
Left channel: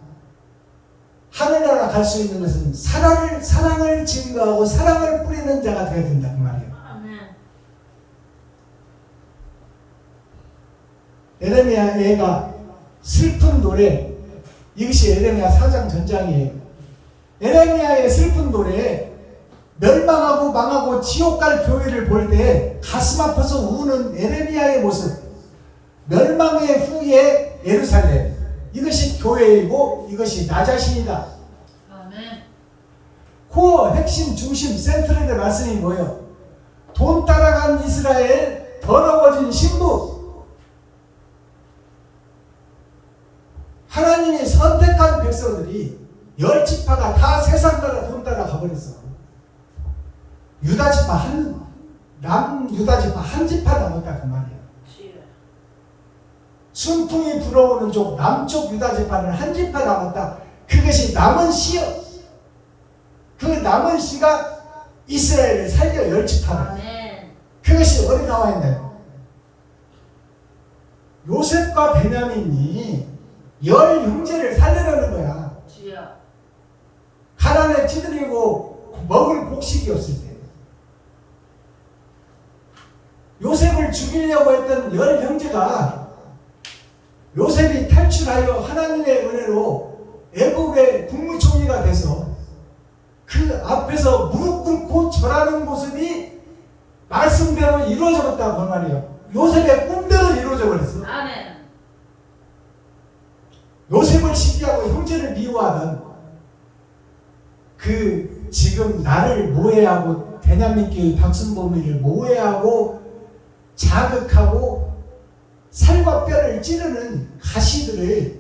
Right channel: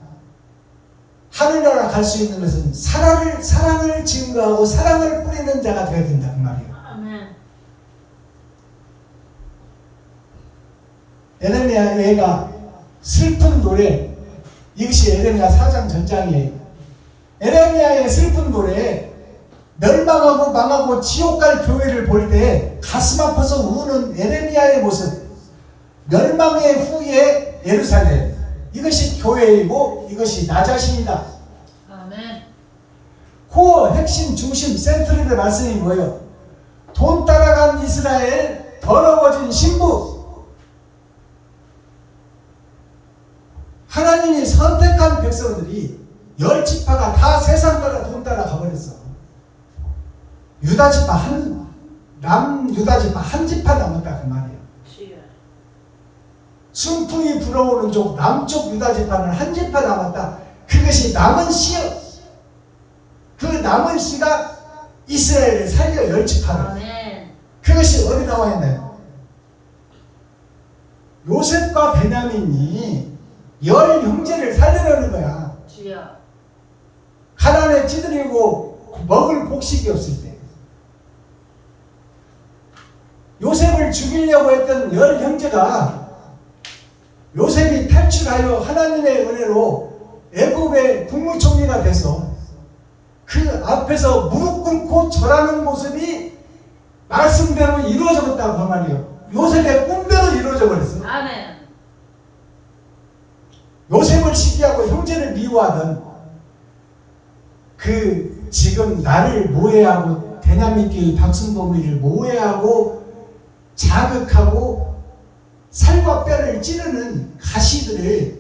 하늘나라 갈 수 있는 것은 사랑을 증거하고 사랑을 뿌리는 자가 되어야 된다 그 말이에요. 아멘. 에레미야가 슬픈 노래, 이것이 에레미야 4장 전장이에요. 에레미야의 슬픈 노래, 멸망하고 망하고 지옥 갈 교회를 볼 때 가슴 아파서 우는 에레미야의 모습, 멸망의 후에 예루살렘, 이것이 교회이고 이것이 나 자신이다. 아멘. 코어 핵심 중심 센트럴의 말씀이 뭐예요? 돈 따라간 이스라엘, 더러워진 신부. 하나님이 선택한 백성들이 10지파가 다 세상 따라 돈 따라 가버렸어. 유다지파 남유다지파 한 지파 남았다 그 말이에요. 순풍이 불어오는 쪽 남쪽 유다지파는 한 지파 남았다. 그것이 남은 씨요. 그 남은 씨가 이스라엘을 살려 10지파를. 아멘. 그것이 어디 나와 있나요? 요셉과 베냐민이 10 형제를 살리려는 거야. 주여. 가난에 찌들이고 먹을 곡식이 없을 때. 요셉을 죽이려고 했던 10 형제가 요셉이 탈출하여 하나님의 은혜로 애굽의 국무총리가 돼서 그 앞에서 무릎 꿇고 절하는 모습이 말씀대로 이루어져 버렸다고 그 말이에요. 요셉의 꿈대로 이루어져 버렸어. 아멘. 요셉을 시기하고 형제를 미워하던 그 지금 나를 모해하고 대남민교의 박순범이를 모해하고 자극하고 살과 뼈를 찌르는 가시들을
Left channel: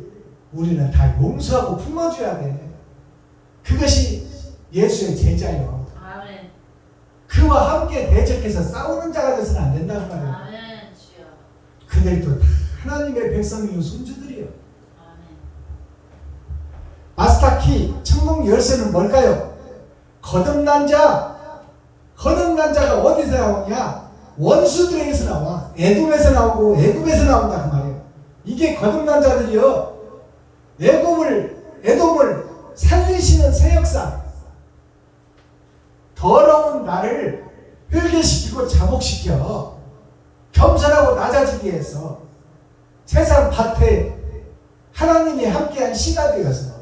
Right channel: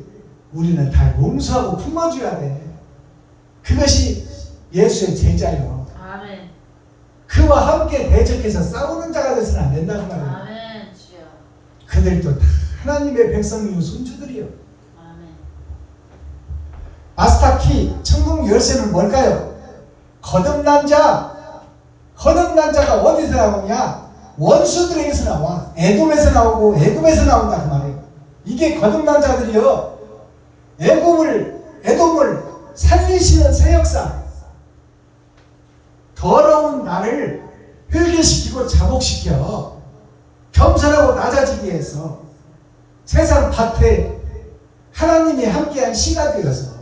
우리는 다 용서하고 품어줘야 돼. 그것이 예수의 제자요. 아멘. 그와 함께 대적해서 싸우는 자가 되서는 안 된다고 말이에요. 아멘. 주여. 그들도 다 하나님의 백성이요 손주들이요. 아멘. 마스터키 천국 열쇠는 뭘까요? 거듭난 자가 어디서 나오냐? 원수들에게서 나와. 에돔에서 나오고 애굽에서 나온다 그 말이에요. 이게 거듭난 자들이요. 에돔을 살리시는 새 역사. 더러운 나를 회개시키고 자복시켜 겸손하고 낮아지게 해서 세상 밭에 하나님이 함께한 씨가 되어서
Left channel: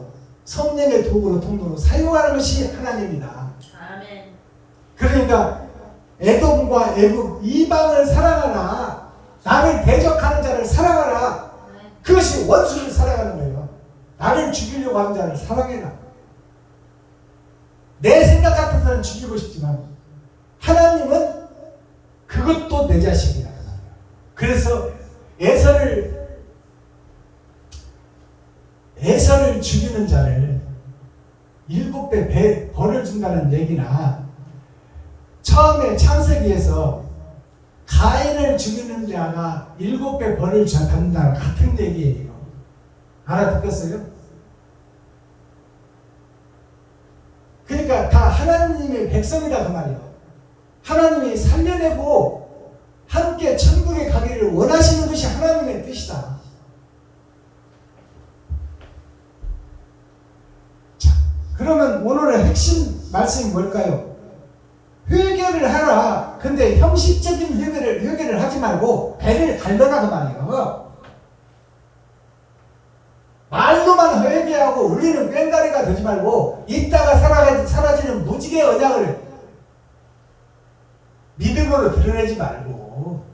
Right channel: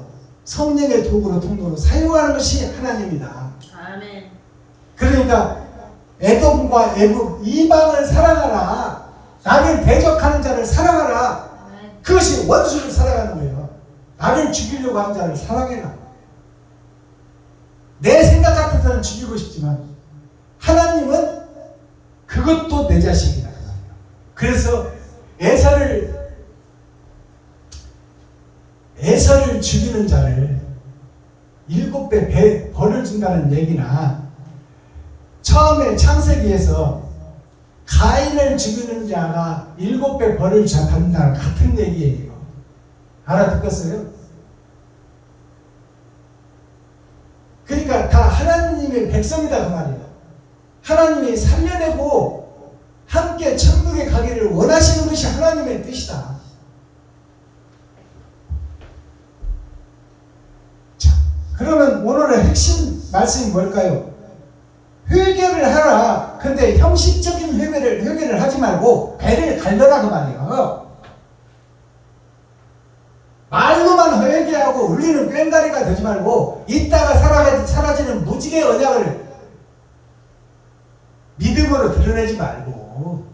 성령의 도구로 통로로 사용하는 것이 하나님이다. 아멘. 그러니까 에돔과 애굽 이방을 사랑하라. 나를 대적하는 자를 사랑하라. 아멘. 그것이 원수를 사랑하는 거예요. 나를 죽이려고 하는 자를 사랑해라. 내 생각 같아서는 죽이고 싶지만 하나님은 그것도 내 자식이다. 그래서 에서를 죽이는 자를 7배 벌을 준다는 얘기나 처음에 창세기에서 가인을 죽이는 자가 7배 벌을 받는다는 같은 얘기예요. 알아듣겠어요? 그러니까 다 하나님의 백성이다 그 말이에요. 하나님이 살려내고 함께 천국에 가기를 원하시는 것이 하나님의 뜻이다. 자, 그러면 오늘의 핵심 말씀이 뭘까요? 회개를 하라. 근데 형식적인 회개를 하지 말고 배를 갈려라 그 말이에요. 말로만 회개하고 울리는 꽹가리가 되지 말고 있다가 사라지는 무지개 언약을 믿음으로 드러내지 말고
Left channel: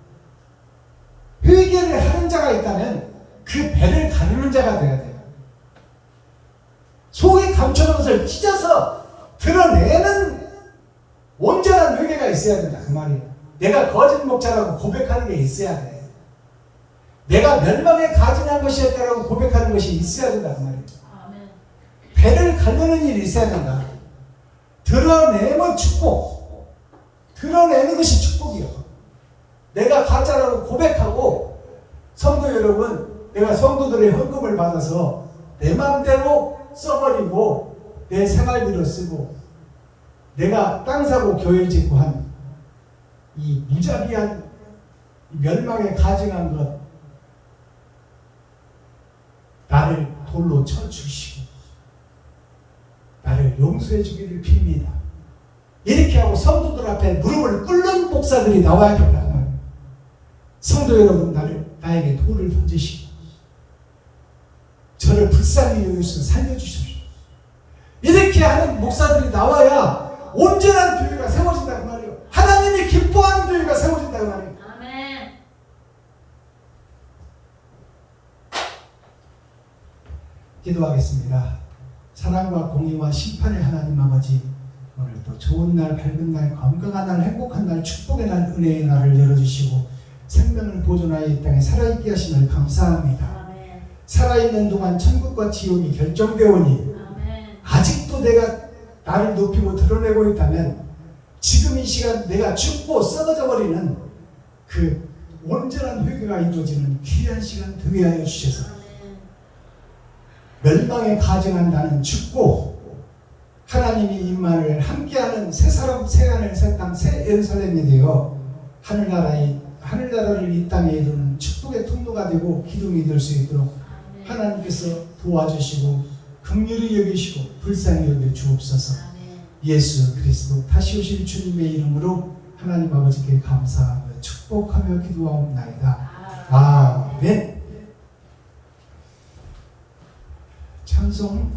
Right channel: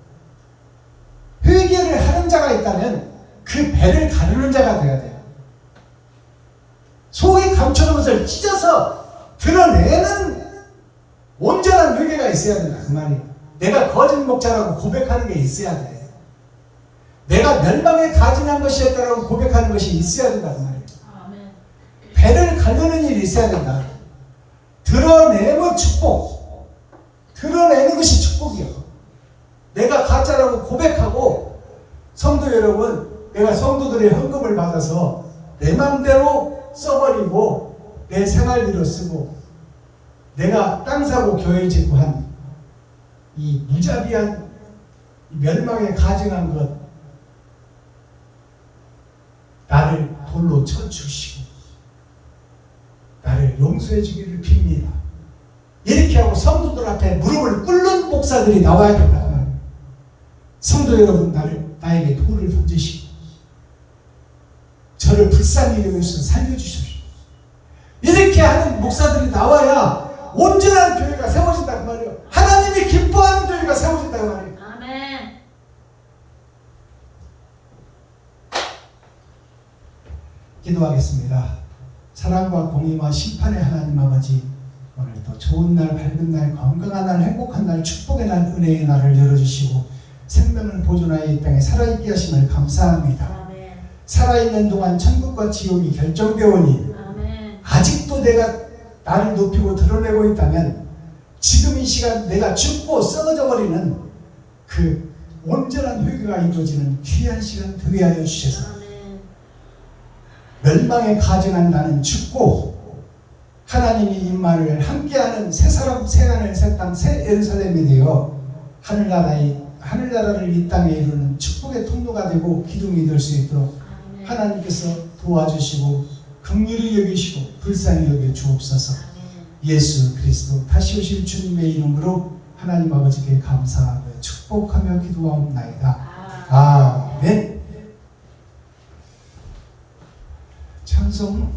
회개를 하는 자가 있다면 그 배를 가르는 자가 돼야 돼요. 속에 감춰놓은 것을 찢어서 드러내는 온전한 회개가 있어야 된다 그 말이에요. 내가 거짓 목자라고 고백하는 게 있어야 돼. 내가 멸망에 가증한 것이었다고 고백하는 것이 있어야 된다 그 말이에요. 아멘. 배를 가르는 일이 있어야 된다. 드러내면 축복. 드러내는 것이 축복이에요. 내가 가짜라고 고백하고 성도 여러분, 내가 성도들의 헌금을 받아서 내 맘대로 써버리고 내 생활비로 쓰고 내가 땅 사고 교회 짓고 한 이 무자비한 멸망에 가증한 것 나를 돌로 쳐주시고 나를 용서해 주기를 빕니다. 이렇게 하고 성도들 앞에 무릎을 꿇는 목사들이 나와야 된다. 성도 여러분, 나에게 돌을 던지시고 저를 불쌍히 여기서 살려주십시오. 이렇게 하는 목사들이 나와야 온전한 교회가 세워진다 그 말이에요. 하나님이 기뻐하는 교회가 세워진다 그 말이에요. 아멘. 기도하겠습니다. 사랑과 공의와 심판의 하나님 아버지, 오늘도 좋은 날, 밝은 날, 건강한 날, 행복한 날, 축복의 날, 은혜의 날을 열어주시고 생명을 보존하여 이 땅에 살아있게 하심을 감사합니다. 아멘. 살아있는 동안 천국과 지옥이 결정되오니 아멘. 아직도 내가 나를 높이고 드러내고 있다면 지금 이 시간 내가 죽고 썩어져 버리는 그 온전한 회개가 이루어지는 귀한 시간 되게 하여 주셔서 아멘. 멸망에 가증한 나는 죽고 하나님이 임마를 함께하는 새 사람, 새 하늘, 새 땅, 새 예루살렘이 되어 하늘나라를 이 땅에 이루는 축복의 통로가 되고 기둥이 될 수 있도록 아멘. 하나님께서 도와주시고 긍휼히 여기시고 불쌍히 여겨 주옵소서. 아멘. 예수 그리스도 다시 오실 주님의 이름으로 하나님 아버지께 감사하며 축복하며 기도하옵나이다. 아멘. 아멘. 찬송